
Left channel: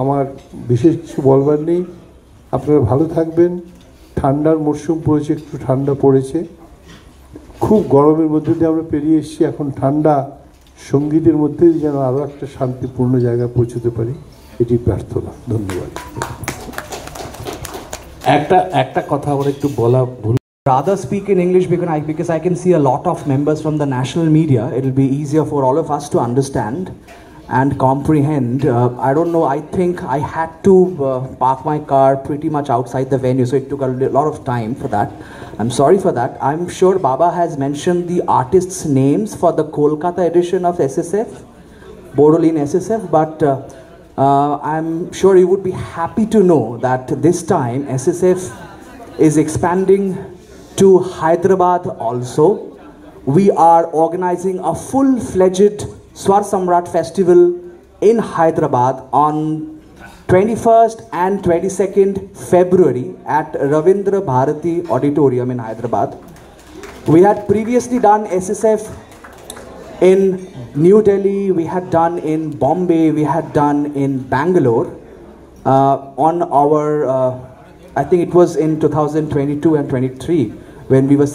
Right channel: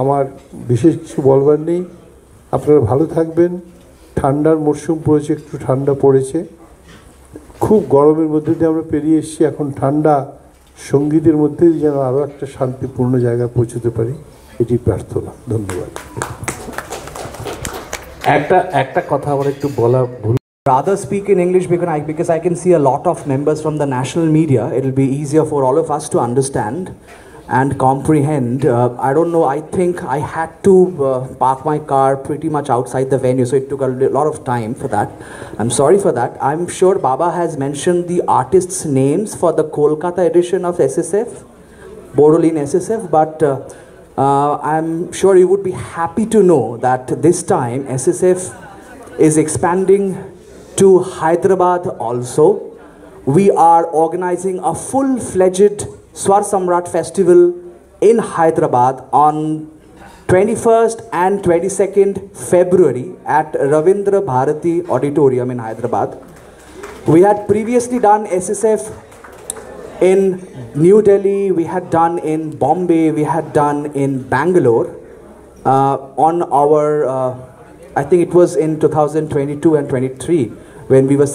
আমার বিশেষ কিছু বলবার নেই। আপনারা ভালো থাকবেন। ঠান্ডার মরশুম পড়েছে, একটু ঠান্ডা পড়েছে, খুব গরমের মধ্যে দিয়ে আমরা পেরিয়ে এসেছি। এখন ঠান্ডা সঙ্গীতের মধ্যে যেন আরও একটা শান্তিপূর্ণ জায়গায় পৌঁছতে পারি, এটি প্রার্থনা। ধন্যবাদ। একটা কথা আমার একটু বলা ভুল। Rather speak in English because I can see a lot of members from the national media. It will be easier for all of us to understand and comprehend. I don't know, I think I had to park my car pretty much outside the venue, so it took a lot of time for that. I'm sorry for that. I'm sure Baba has mentioned the artists' names for the Kolkata edition of SSF, Borodin SSF, but I'm sure you would be happy to know that this time SSF is expanding to Hyderabad also. We are organizing a full-fledged Swar Samrat festival in Hyderabad on 21st and 22nd February at Ravindra Bharati Auditorium in Hyderabad. We had previously done SSF in New Delhi, we had done in Bombay, we had done in Bangalore on our I think it was in 2022 and 23 when we were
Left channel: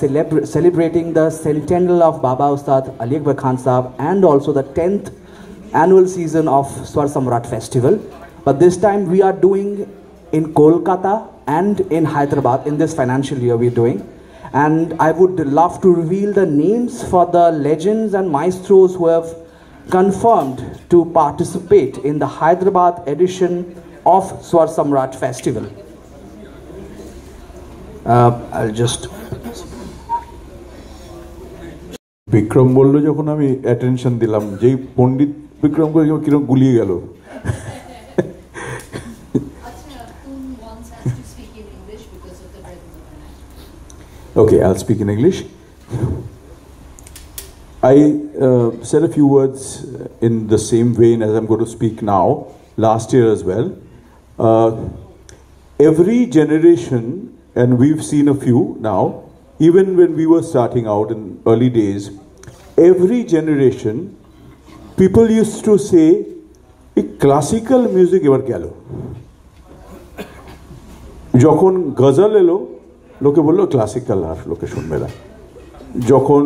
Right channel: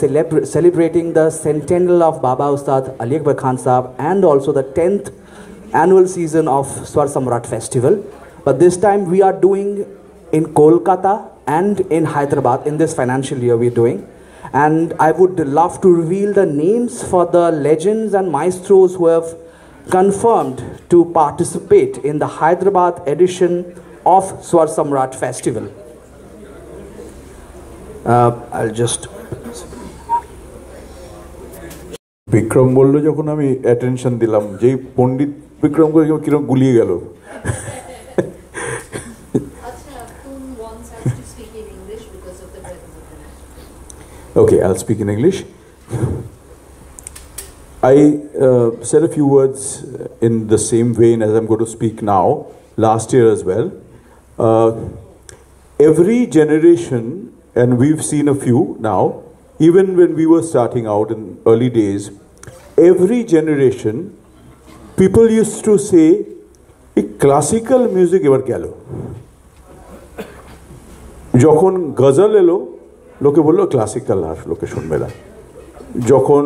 celebrating the centennial of Baba Ustad Ali Akbar Khan Sahab and also the 10th annual season of Swar Samrat Festival. But this time we are doing in Kolkata and in Hyderabad in this financial year we are doing. And I would love to reveal the names for the legends and maestros who have confirmed to participate in the Hyderabad edition of Swar Samrat Festival. I'll just Vikram বললো যখন আমি attention দিলাম, যেই পণ্ডিত বিক্রম করে কিরকম গুলিয়ে গেল। Okay, I'll speak in English. I said a few words in the same vein as I'm going to speak now, last year as well. Every generation, and we've seen a few now, even when we were starting out in early days, every generation, people used to say, classical music ever gelo. যখন গজল এলো লোকে বললো classical আর লোকে শুনবে না। যখন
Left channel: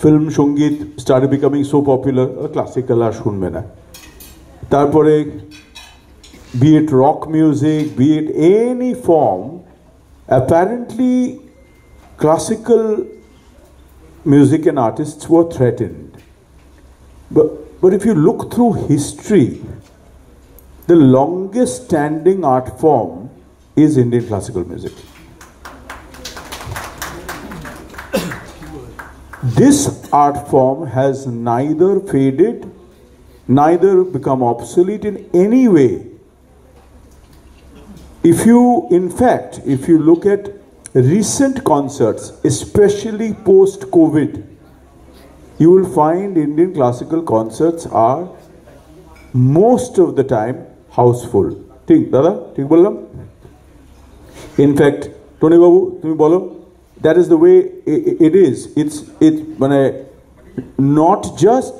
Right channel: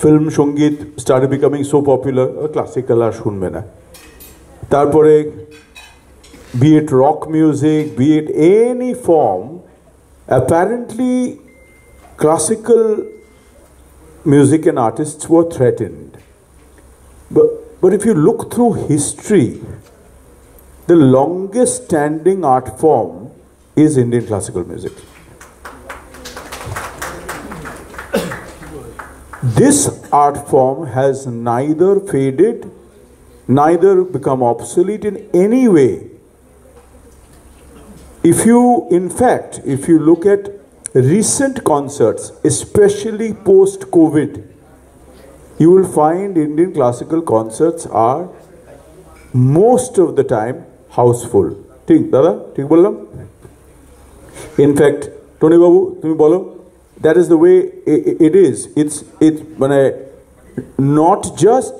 film সঙ্গীত started becoming so popular, classical আর শুনবে না। তারপরে be it rock music, be it any form, apparently classical music and artists were threatened. But if you look through history, the longest standing art form is Indian classical music. This art form has neither faded, neither become obsolete in any way. If you look at recent concerts, especially post-COVID, you will find Indian classical concerts are most of the time houseful. ঠিক দাদা, ঠিক বললাম? In fact, Tony Babu, তুমি বলো, that is the way it is. It's not just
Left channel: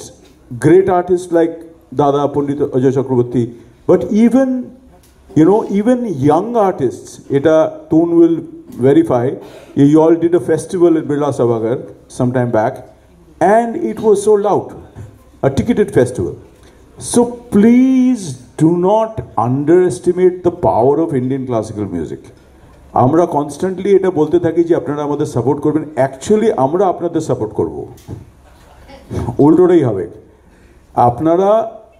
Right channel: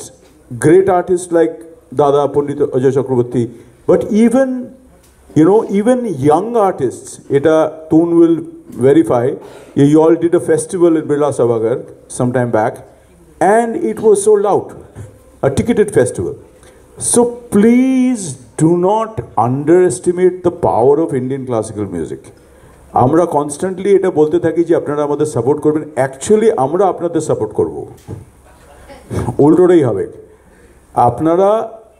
great artists like Dada Pandit Ajay Chakraborty, but even young artists. Eta Toon will verify. You all did a festival in Birla Sabhagar some time back, and it was sold out, a ticketed festival. So please do not underestimate the power of Indian classical music. আমরা constantly এটা বলতে থাকি যে আপনারা আমাদের support করবেন, actually আমরা আপনাদের সাপোর্ট করব, উল্টোটাই হবে। আপনারা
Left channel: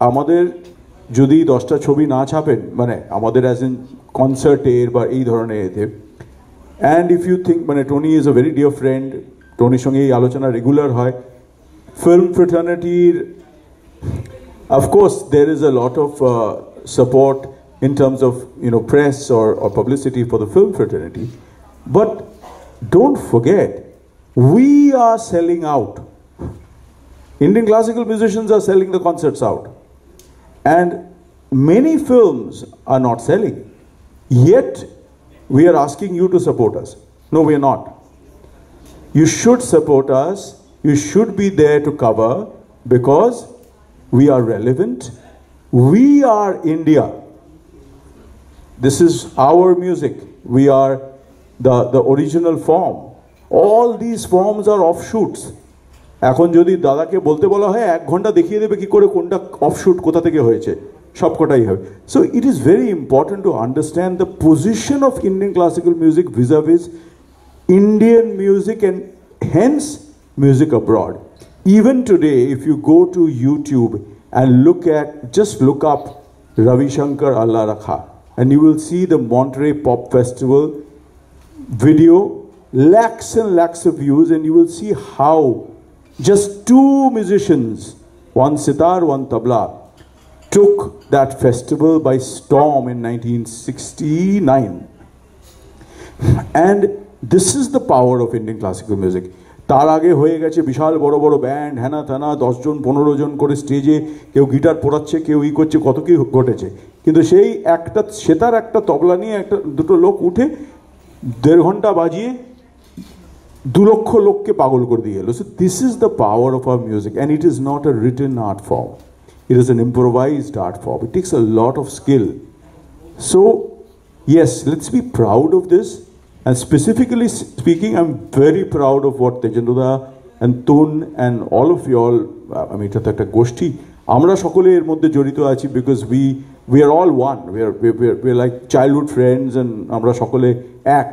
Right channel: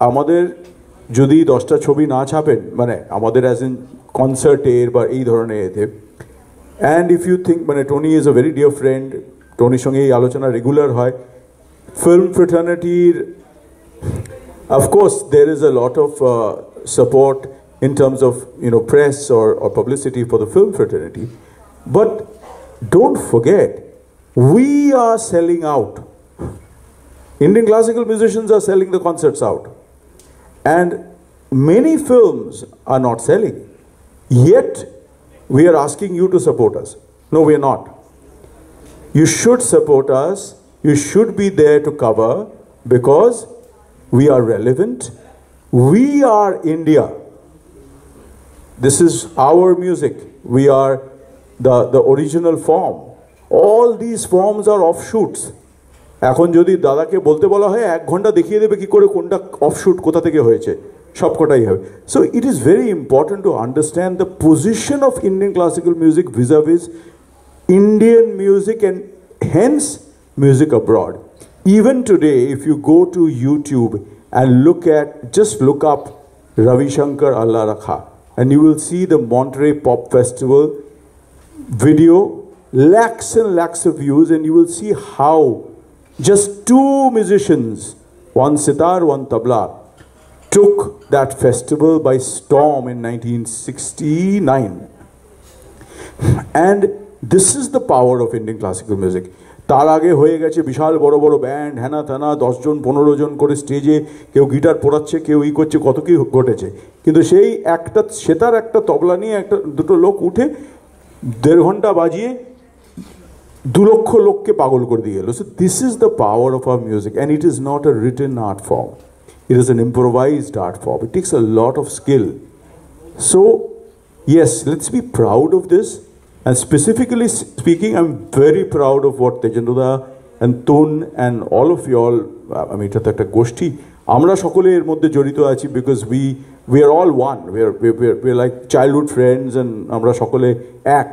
আমাদের যদি 10টা ছবি না ছাপেন, মানে আমাদের অ্যাজ ইন কনসার্টের বা এই ধরনের এতে, অ্যান্ড ইফ ইউ থিঙ্ক, মানে Tony is a very dear friend, টনির সঙ্গে এই আলোচনা রেগুলার হয়। ফিল্ম ফ্রেটার্নিটির of course there is a lot of support in terms of press or publicity for the film fraternity, but don't forget, we are selling out. Indian classical musicians are selling the concerts out, and many films are not selling, yet we are asking you to support us. No, we are not. you should support us, you should be there to cover, because we are relevant, we are India, this is our music, we are the original form, all these forms are offshoots. এখন যদি দাদাকে বলতে বলা হয় 1 ঘন্টা দেখিয়ে দেবে কি করে কোনটা অফশুট কোথা থেকে হয়েছে, সবকটাই হবে। So it is very important to understand the position of Indian classical music vis-a-vis Indian music and hence music abroad. Even today, if you go to YouTube and just look up Ravi Shankar Allah Rakha, and you will see the Monterey Pop Festival video, lakhs and lakhs of views, and you will see how just 2 musicians, one sitar, one tabla, took that festival by storm in 1969. And this is the power of Indian classical music. তার আগে হয়ে গেছে বিশাল বড় বড় band, হ্যানা থানা, 10 জন 15 জন করে স্টেজে কেউ গিটার পোড়াচ্ছে, কেউ করছে, কত কি ঘটেছে। কিন্তু সেই একটা সেতার একটা তবলা নিয়ে দুটো লোক উঠে 1.5 ঘন্টা বাজিয়ে 2 লক্ষ লোককে পাগল করে দিয়ে এলো। So this is the power of our music, and it is not a written art form. It is an improvised art form. It takes a lot of skill. So yes, let's be proud of this. And specifically speaking, I'm very proud of what Tejendrada and Tun and all of you all, I mean, এটা একটা গোষ্ঠী, আমরা সকলে এর মধ্যে জড়িত আছি, because we are all one. We are like childhood friends, and আমরা সকলে এক।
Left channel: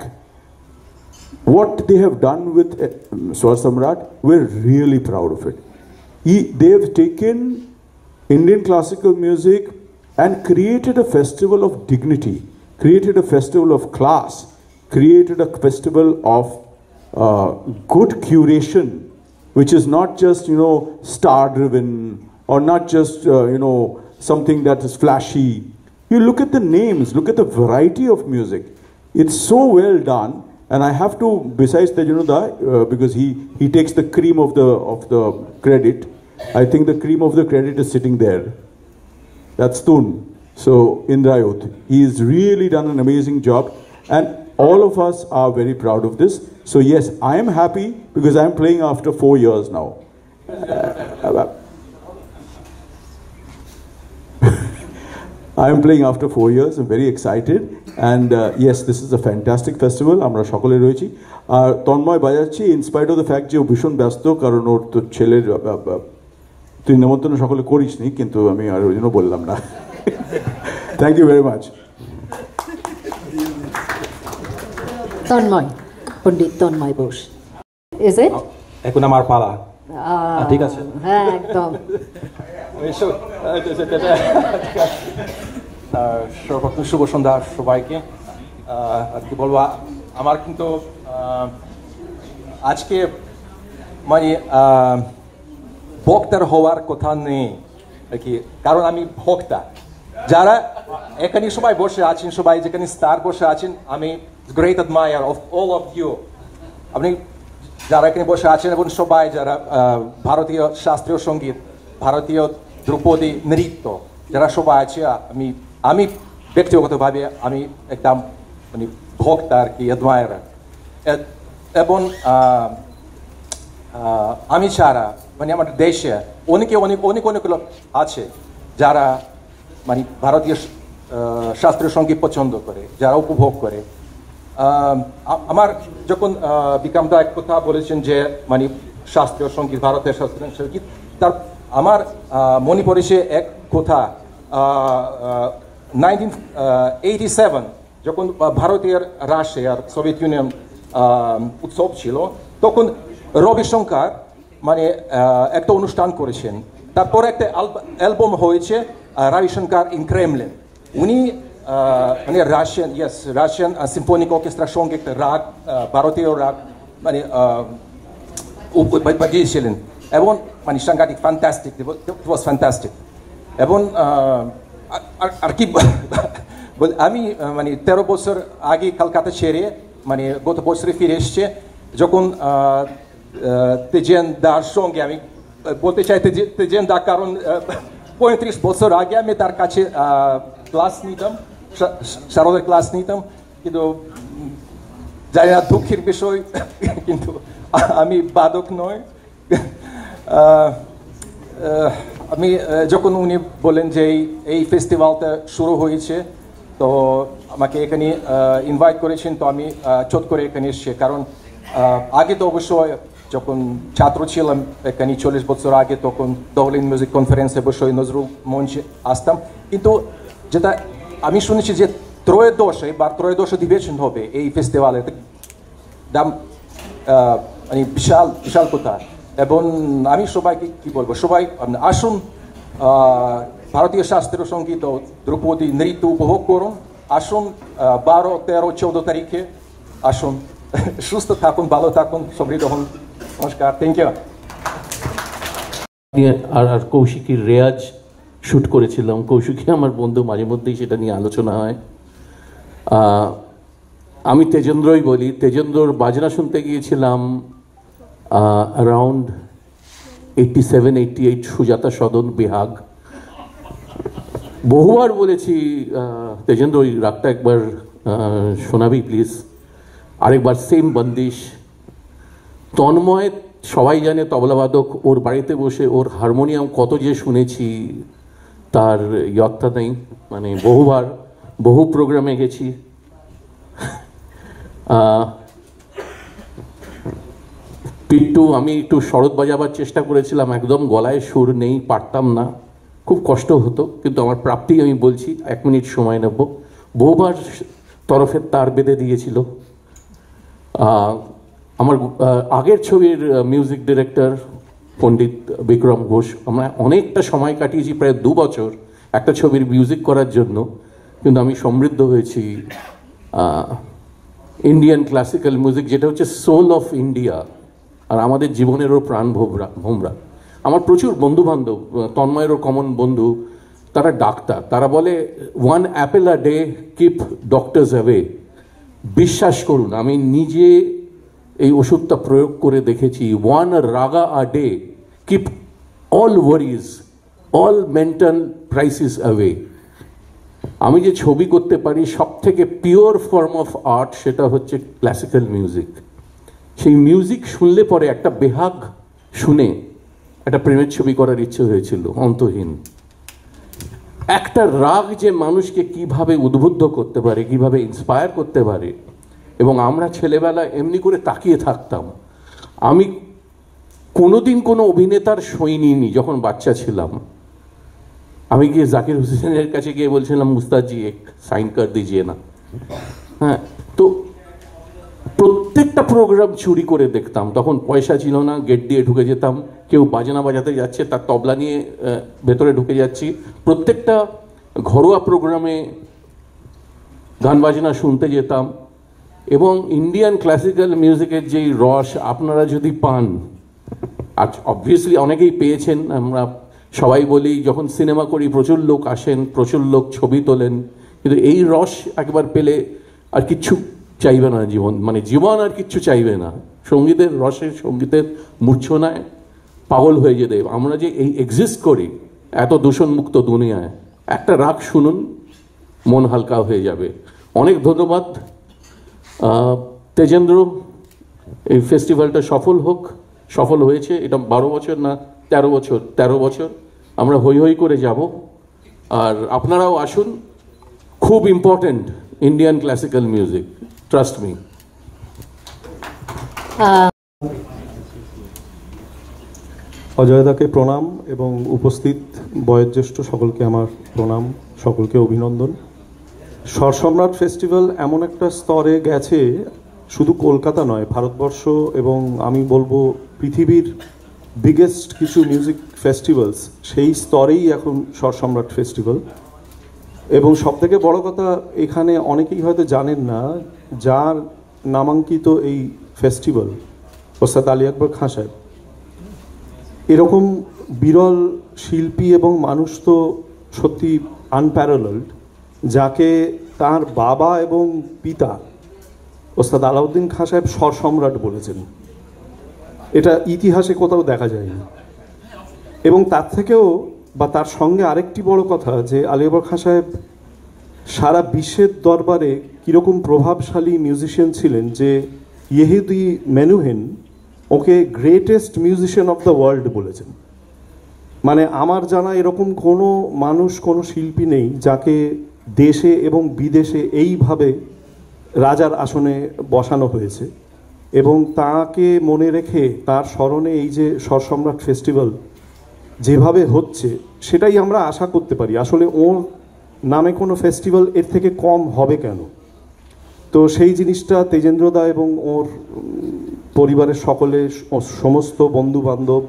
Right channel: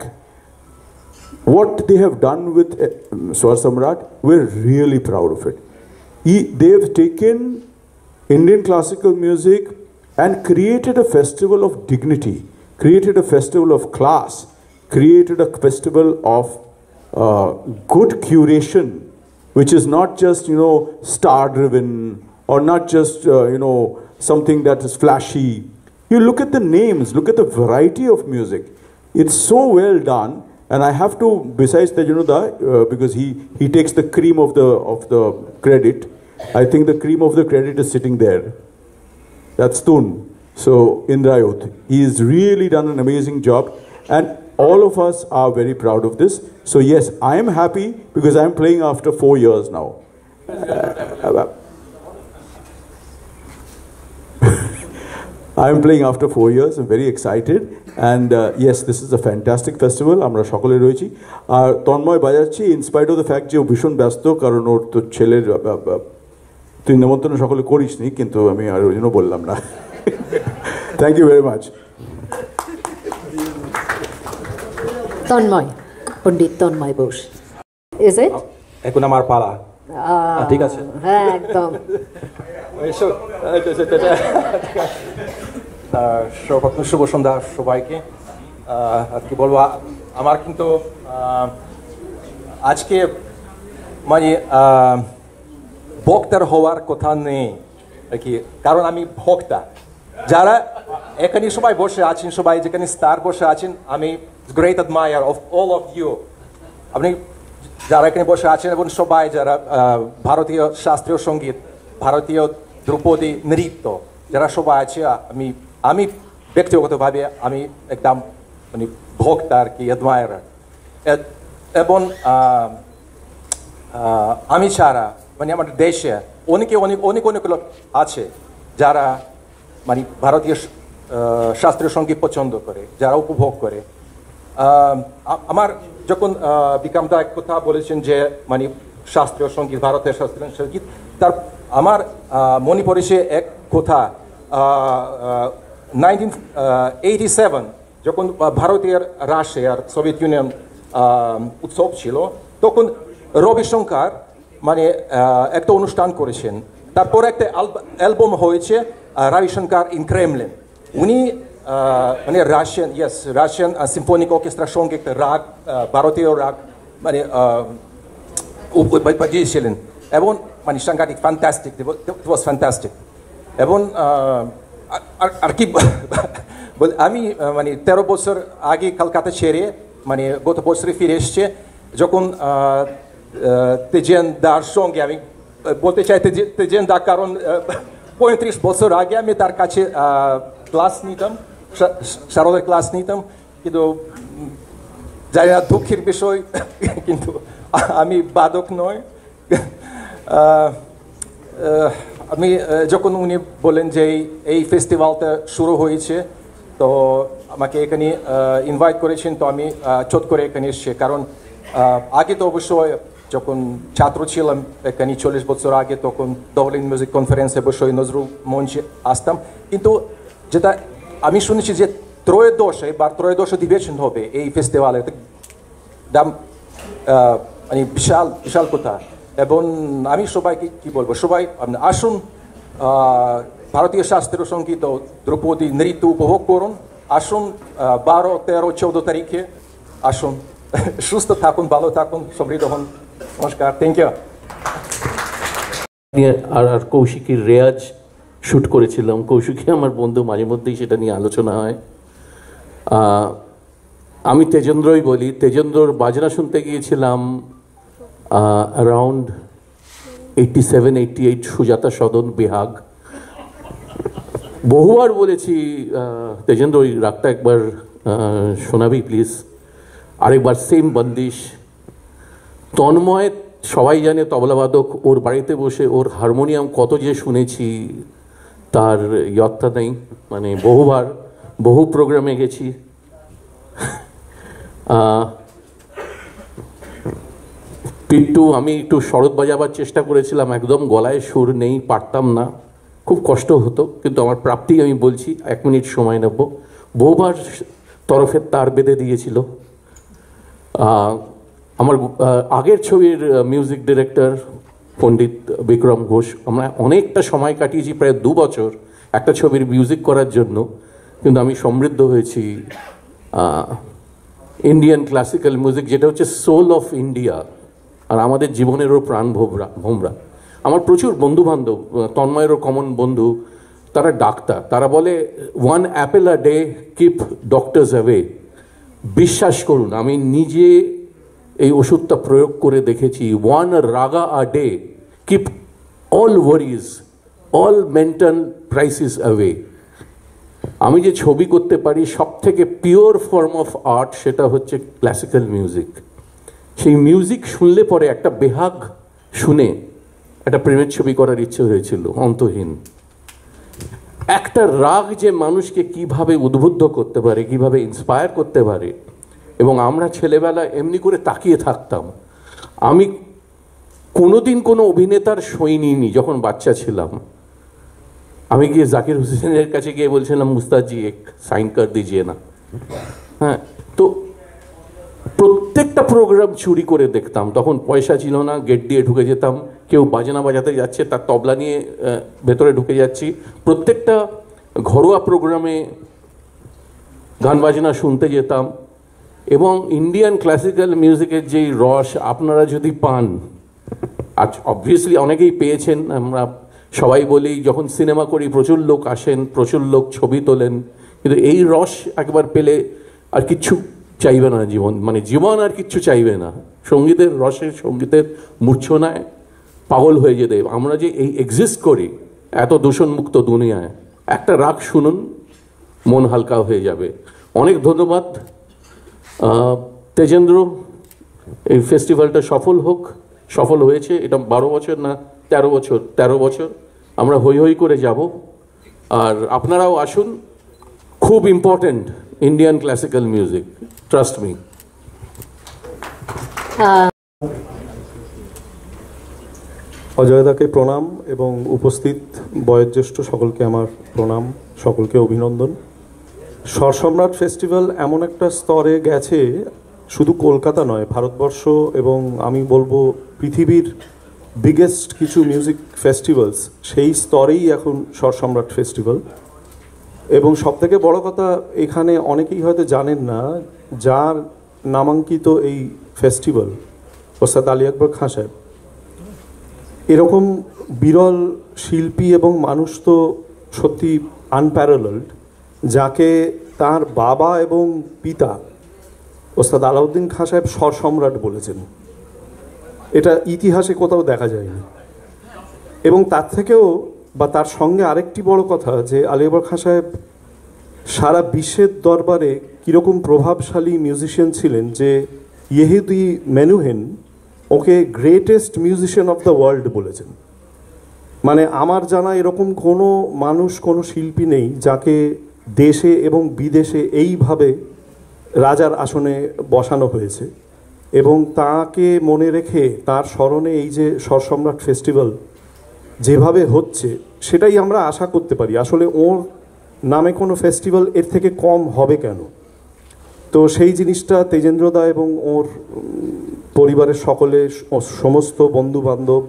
What they have done with Swar Samrat, we're really proud of it. They have taken Indian classical music and created a festival of dignity, created a festival of class, created a festival of good curation, which is not just, star driven, or not just, something that is flashy. You look at the names, look at the variety of music. It's so well done. And I have to, besides Tejendrada, because he takes the cream of the credit, I think the cream of the credit is sitting there. That's Tun. So Indrayut, he has really done an amazing job, and all of us are very proud of this. So yes, I am happy because I am playing after 4 years now. I am playing after 4 years. I'm very excited, and yes, this is a fantastic festival. আমরা সকলে রয়েছি, আর Tanmoy বাজাচ্ছি in spite of the fact যে ও ভীষণ ব্যস্ত, কারণ ওর তো ছেলের তুই নিমন্ত্রণ সকলে করিস নি, কিন্তু আমি আর ওই জন্য বললাম না। Thank you very much. Tanmoy, Pandit Tanmoy Bose, is it? এখন আমার পালা, ঠিক আছে? হ্যাঁ, একদম। সর্বপ্রথম শুভ সন্ধ্যা সবাইকে। আর কি বলবো, আমার কিন্তু আজকে মানে বক্তার হওয়ার কথা নেই আর কি, কারণ আমি ভক্তা। যারা এখানে সবাই বসে আছেন, সবাই যেখানে স্টার বসে আছেন, আমি great admirer of all of you. আপনি যারা এখানে বসে আছেন এবং সবাই যারা ভারতীয় শাস্ত্রীয় সঙ্গীত, ভারতীয় ধ্রুপদী নৃত্য যারা সবাই আছে, আমি ব্যক্তিগতভাবে আমি একদম মানে ভক্ত আর কি, অ্যাডমায়ার। এবং আমি ছাড়া মানে আমাদের দেশে অনেক লোক আছে যারা মানে ভারতীয় শাস্ত্রীয় সঙ্গীত পছন্দ করে, যারা উপভোগ করে। আমার যখন বিক্রান্ত এক কথা বলেছেন যে মানে শাস্ত্রীয় সঙ্গীত, ভারতের শাস্ত্রীয় সঙ্গীত, তার আমার মনে পড়েছে এক কথা। 1987 যখন ভারতীয় রাশিয়ার সোভিয়েত ইউনিয়ন উৎসব ছিল, তখন রবিশঙ্কর মানে একটা অনুষ্ঠান করেছেন। তারপরে একটা অ্যালবাম হয়েছে রবিশঙ্কর ইন ক্রেমলিন। উনি মানে রাশিয়ান সিম্ফনিক অর্কেস্ট্রার সঙ্গে একটা রাগ, ভারতীয় রাগ মানে বাজিয়েছিলেন, এবং মানে সাংঘাতিক, ফ্যান্টাস্টিক, ইট ওয়াজ ফ্যান্টাস্টিক। এবং আর কি আমি মানে 13 বছর আগে কলকাতা ছেড়ে মানে গত বছরে ফিরে এসছে, যখন তেজেন দার সঙ্গে আমি বলতে চাই তেজেন দা, কারণ 35 বছর আগে আমি তার কাছে ক্লাস নিতাম, শারদের ক্লাস নিতাম, কিন্তু জানি না দুঃখের বিষয়, কিন্তু আমি বাদক নয়। আমি যখন উনি বলেন যে এই ফেস্টিভ্যালটা শুরু হয়েছে, তো আমাকে এখানে ইনভাইট করেছেন, তো আমি চট করে এখানে এসেছি। কারণ আগে তো অবশ্যই যখন ছাত্র ছিলাম এখানে 40 বছর আগে, তখন ডাবলিন মিউজিক কনফারেন্সে অবশ্যই নজরুল মঞ্চে আসতাম। কিন্তু যেটা আমি শুনেছি যে ত্রয়োদশ অধিবেশন হবে এই ফেস্টিভ্যালে, মানে বিশাল বিশাল কথা। এবং আমি সবাইকে কি বলবো, সবাই আসুন ভারতীয় শাস্ত্রীয় সঙ্গীত ও ধ্রুপদী নৃত্য উপভোগ করুন। আসুন 12, 13, 14 তারিখে আসুন। সুস্থ থাকুন, ভালো থাকুন, সমৃদ্ধ হন। নমস্কার, থ্যাংক ইউ। আর কৌশিকীর রেয়াজ শ্যুট করেছিলাম। কৌশিকী আমার বন্ধু, মাঝে মধ্যেই সেটা নিয়ে আলোচনা হয়। আমি তেজেন্দ্রই বলি, তেজেন্দ্রর বাজনা শুনতে গিয়েছিলাম অ্যারাউন্ড 87-88, সুজাতা সদন, বেহাগ। বহুবার বলেছি তেজেন্দ্র ওই রাগটা একবার শোনাবি প্লিজ। আরেকবার সেম বন্দিশ। তন্ময় সবাই জানে তবলাবাদক, ওর বাড়িতে বসে ওর হারমোনিয়াম কত যে শুনেছি তার ইয়ত্তা নেই। মানে বহুবার বহু প্রোগ্রামে গেছি। পিন্টু, আমি একটু শরৎ বাজাবার চেষ্টা করেছিলাম, একদম গলায় সুর নেই, পারতাম না, খুব কষ্ট হতো। কিন্তু আমার প্রাপ্তি আমি বলছি, 1 মিনিট সময় নেব। বহুবার তরফের তার বেঁধে দিয়েছিল। আমার আগের ছবির মিউজিক ডিরেক্টর পণ্ডিত বিক্রম ঘোষ, আমরা অনেকটা সময় কাটিয়েছি, প্রায় 2 বছর একটা ছবির মিউজিক করার জন্য। কিন্তু আমি সমৃদ্ধ হয়েছি ইন্ডিয়ান ক্লাসিক্যাল মিউজিক, যেটা হচ্ছে সোল অফ ইন্ডিয়া, আর আমাদের জীবনেরও প্রাণ ভোমরা। আমার প্রচুর বন্ধু বান্ধব, তন্ময়েরও কমন বন্ধু, তারা ডাক্তার। তারা বলে 1 অ্যাপেল আ ডে কিপ ডক্টরস অ্যাওয়ে। বিশ্বাস করুন, আমি নিজে এই ওষুধটা প্রয়োগ করে দেখেছি। 1 raga a day keep all worries, all mental crisis away. আমি যে ছবি করতে পারি সব থেকে পিওর ফর্ম অফ আর্ট, সেটা হচ্ছে ক্লাসিক্যাল মিউজিক। সেই মিউজিক শুনলে পরে একটা বেহাগ শুনে একটা প্রেমের ছবি করার ইচ্ছে হয়েছিল, অন্তহীন। একটা রাগ যে মানুষকে কিভাবে উদ্বুদ্ধ করতে পারে, কিভাবে ইন্সপায়ার করতে পারে। এবং আমরা ছেলেবেলা এমনি করে তাকিয়ে থাকতাম। আমি কোনোদিন কোনো অভিনেতার সই নিইনি যখন বাচ্চা ছিলাম। আমি গিয়ে জাকির হুসেনের কাছে গিয়ে বলছিলাম, মুস্তাদজি এক সাইন কর দিজিয়ে না। হ্যাঁ, তো প্রত্যেকটা প্রোগ্রাম চুরি করে দেখতাম। তখন পয়সা ছিল না, গেট দিয়ে ঢুকে যেতাম। কেউ বাজনা বাজাতে যাচ্ছে, তার তবলা নিয়ে ভেতরে ঢুকে যাচ্ছি। প্রত্যেকটা ঘরোয়া প্রোগ্রামে গান বাজনা শুনতে যেতাম। এবং ইন্ডিয়ান ক্লাসিক্যাল মিউজিকের যেই রস আপনারা যদি পান, আজ অবভিয়াসলি অনেকেই পেয়েছেন, আমরা সবাই বলি, যখন সিনেমা করি প্রচুর লোক আসেন, প্রচুর লোক ছবি তোলেন, কিন্তু এই রস একবার পেলে আর কিচ্ছু চাইবে না জীবন, মানে জীবন আর কিচ্ছু চাইবে না। সঙ্গীতের রসে, সঙ্গীতের মূর্ছনায় পাগল হয়ে যেতে। আমরা যে এই এক্সিস্ট করি এত দূষণমুক্ত দুনিয়ায়, একটা রাগ শুনুন, মন হালকা হয়ে যাবে। অনেক ধন্যবাদ তেজেন্দ্র। এই ফেস্টিভ্যালটা সফল হোক। সফল হয়েছে। এটা 12 বছর না 13 বছর, 13 বছর আমরা হই হই করে যাব। আর আপনারাও আসুন, খুব important Indian classical music, trust me. অজয়দাকে প্রণাম এবং উপস্থিত বয়োজ্যেষ্ঠ সকলকে আমার প্রণাম, সকলকে অভিনন্দন। স্বরসম্রাট ফেস্টিভ্যাল এমন একটা স্তরে গেছে, শুধু কলকাতা নয়, ভারতবর্ষ এবং আমি বলবো পৃথিবীর বিগেস্ট কিছু মিউজিক ফেস্টিভ্যালস, সেই স্তরেই এখন স্বরসম্রাট ফেস্টিভ্যাল। এবং সবথেকে বড় কথা, এখানে অনেকেই হয়তো জানেন না, যার নামাঙ্কিত এই ফেস্টিভ্যাল ওস্তাদ আলী আকবর খাঁ সাহেব। এরকম বিরল শিল্পী এবং মানুষ তো সত্যি আনপ্যারালালড, যাকে তার বাবা এবং পিতা ওস্তাদ আলাউদ্দিন খাঁ সাহেব স্বরসম্রাট বলেছেন। এটা ইতিহাসে কোথাও দেখা যায়নি। এবং তার থেকেও বা তার সঙ্গে আরেকটি বড় কথা, যে আলী আকবর খাঁ সাহেব সারা বিশ্বের দরবারে কীরকম প্রভাবশালী মিউজিশিয়ান ছিলেন, যে ইয়েহুদি মেনুহেন ওকে greatest musician of the world বলেছেন। মানে আমার জানা এরকম কোনো মানুষ, কোনো শিল্পী নেই যাকে দেশে এবং বিদেশে এইভাবে রাজার আসনে বসানো হয়েছে, এবং তাকে মনে রেখে তার স্মরণে এই যে স্বরসম্রাট ফেস্টিভ্যাল যেভাবে হচ্ছে সেটাই আমরা আশা করতে পারি। আসলে ওর নামে কোনো ফেস্টিভ্যাল এর থেকে কম হবে কেন? তো সেই জিনিসটা তেজেন্দ্রদা এবং ওর পরিবারের সকলে, সমস্ত বন্ধু বান্ধব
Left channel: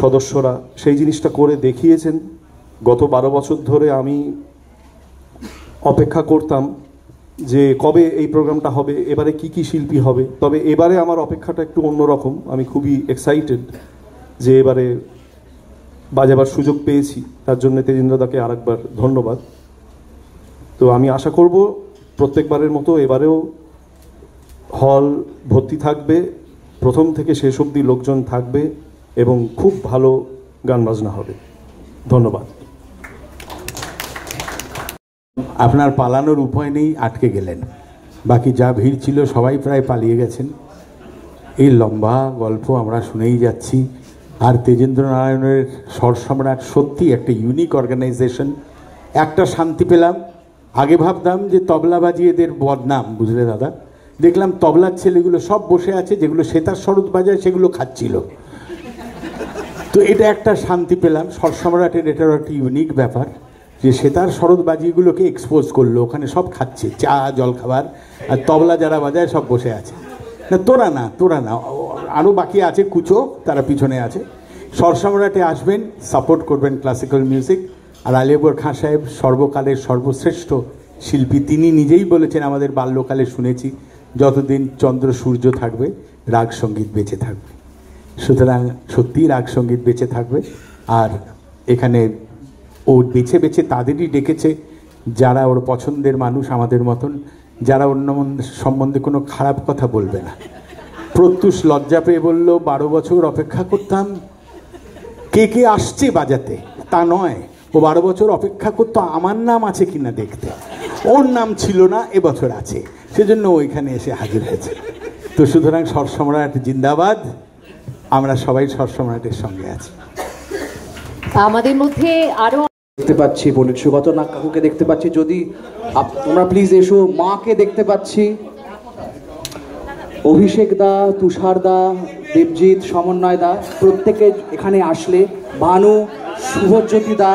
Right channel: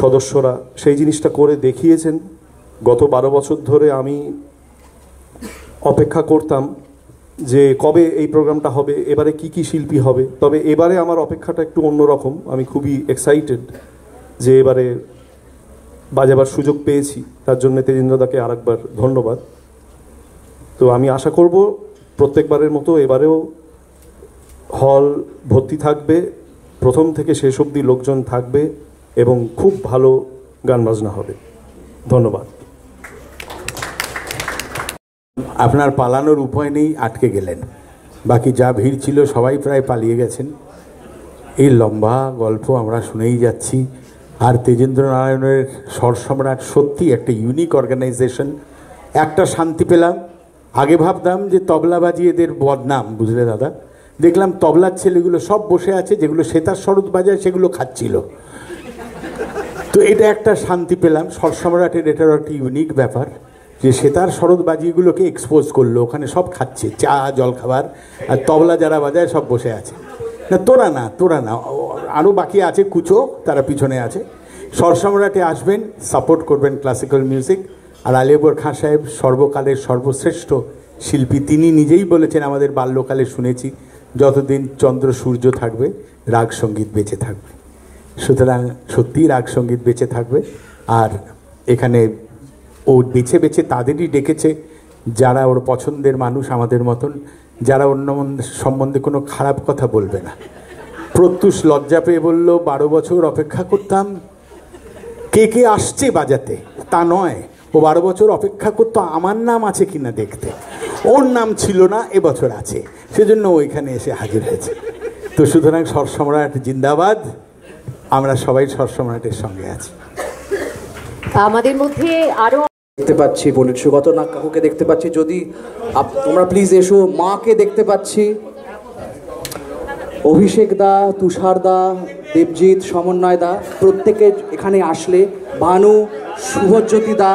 সদস্যরা সেই জিনিসটা করে দেখিয়েছেন। গত 12 বছর ধরে আমি অপেক্ষা করতাম যে কবে এই প্রোগ্রামটা হবে, এবারে কি কি শিল্পী হবে। তবে এবারে আমার অপেক্ষাটা একটু অন্যরকম। আমি খুবই এক্সাইটেড যে এবারে বাজাবার সুযোগ পেয়েছি, তার জন্য তেজেন্দ্রদাকে আরেকবার ধন্যবাদ। তো আমি আশা করব প্রত্যেকবারের মতো এবারেও হল ভর্তি থাকবে, প্রথম থেকে শেষ অবধি লোকজন থাকবে এবং খুব ভালো গান বাজনা হবে। ধন্যবাদ। আপনার পালানোর উপায় নেই, আটকে গেলেন। বাকি যা ভিড় ছিল সবাই প্রায় পালিয়ে গেছেন। এই লম্বা গল্প আমরা শুনেই যাচ্ছি। আর তেজেন্দ্র নারায়ণের স্বরসম্রাট সত্যি একটা ইউনিক অর্গানাইজেশন। একটা শান্তি পেলাম, আগে ভাবতাম যে তবলা বাজিয়ে এদের বদনাম, বুঝলে দাদা। দেখলাম তবলার ছেলেগুলো সব বসে আছে, যেগুলো সেতার সরোদ বাজায় সেগুলো খাচ্ছিল। তো এটা একটা শান্তি পেলাম। স্বরসম্রাটের এটারও একটা ইউনিক ব্যাপার যে সেতার সরোদ বাজিগুলোকে এক্সপোজ করলো, ওখানে সব খাচ্ছে চা জলখাবার, আর তবলা যারা বাজায় সব বসে আছে। না তোরা না, তোরা না, আরও বাকি আছে কুচো, তারা পিছনে আছে। স্বরসম্রাটে আসবেন, সাপোর্ট করবেন ক্লাসিক্যাল মিউজিক। আর আলী আকবর খাঁ সাহেব সর্বকালের সর্বশ্রেষ্ঠ শিল্পী। তিনি নিজেই বলেছেন, আমাদের বাল্যকালে শুনেছি, যতদিন চন্দ্র সূর্য থাকবে রাগ সঙ্গীত বেঁচে থাকবে। সুতরাং সত্যিই রাগ সঙ্গীত বেঁচে থাকবে। আর এখানে ও বেছে বেছে তাদেরই ডেকেছে যারা ওর পছন্দের মানুষ, আমাদের মতন, যারা অন্য সম্বন্ধে কোনো খারাপ কথা বলবে না। প্রত্যুষ লজ্জা পেয়ে বলল 12 বছর অপেক্ষা করতাম, কে কে আসছে বাজাতে, তা নয়। ও 12 বছর অপেক্ষা করতো আমার নাম আছে কিনা দেখতে। ওর নাম ছিল না, এবছর আছে, সেজন্য ওইখানে এসে হাজির হয়েছে। তো সুতরাং স্বরসম্রাট জিন্দাবাদ। আমরা সবাই স্বরসম্রাটের সঙ্গে আছি। আমাদের মধ্যে আরো দেখতে পাচ্ছি পণ্ডিত সুগত নাগ কাকুকে দেখতে পাচ্ছি। যদি তোমরা প্লিজ এসো। মাকে দেখতে পাচ্ছি, অভিষেক দা, তুষার দা, দেবজিৎ, সমন্বয় দা, প্রত্যেকে এখানে আসলে। ভানু, শুভজ্যোতি দা,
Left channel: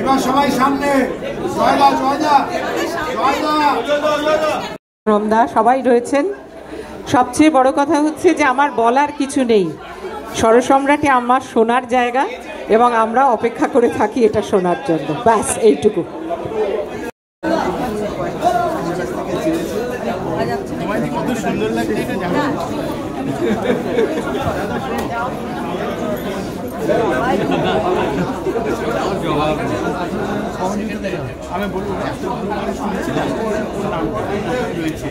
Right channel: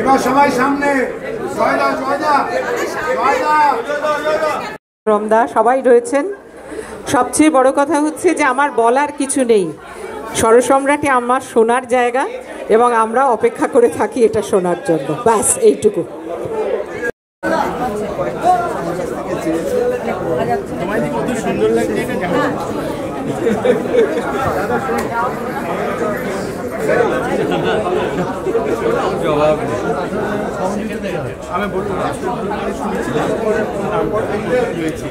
এবার সবাই সামনে। রমদা সবাই রয়েছেন। সবচেয়ে বড় কথা হচ্ছে যে আমার বলার কিছু নেই। স্বরসম্রাটে আমার শোনার জায়গা, এবং আমরা অপেক্ষা করে থাকি এটা শোনার জন্য। ব্যাস এইটুকু। কত সুন্দর লাগছে এটা জানো। আমি বলবো শুনেছিলাম রয়েছে।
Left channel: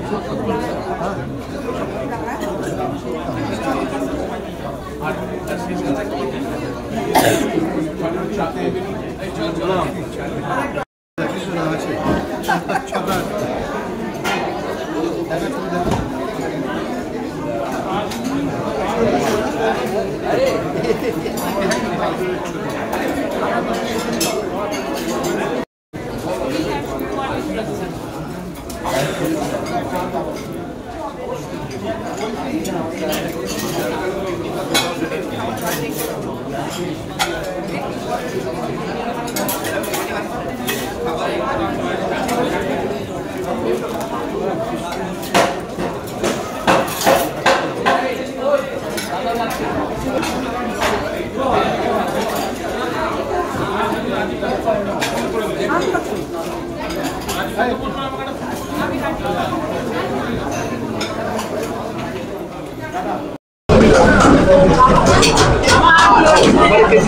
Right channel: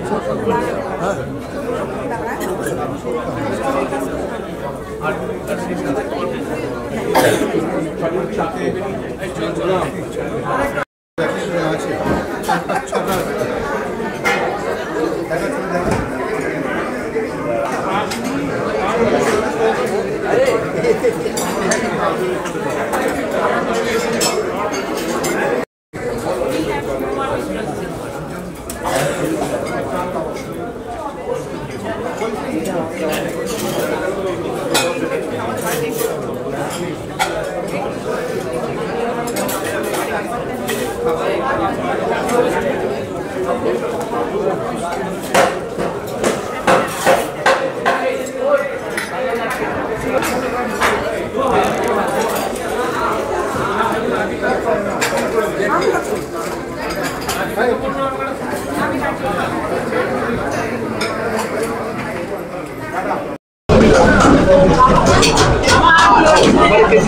থেকে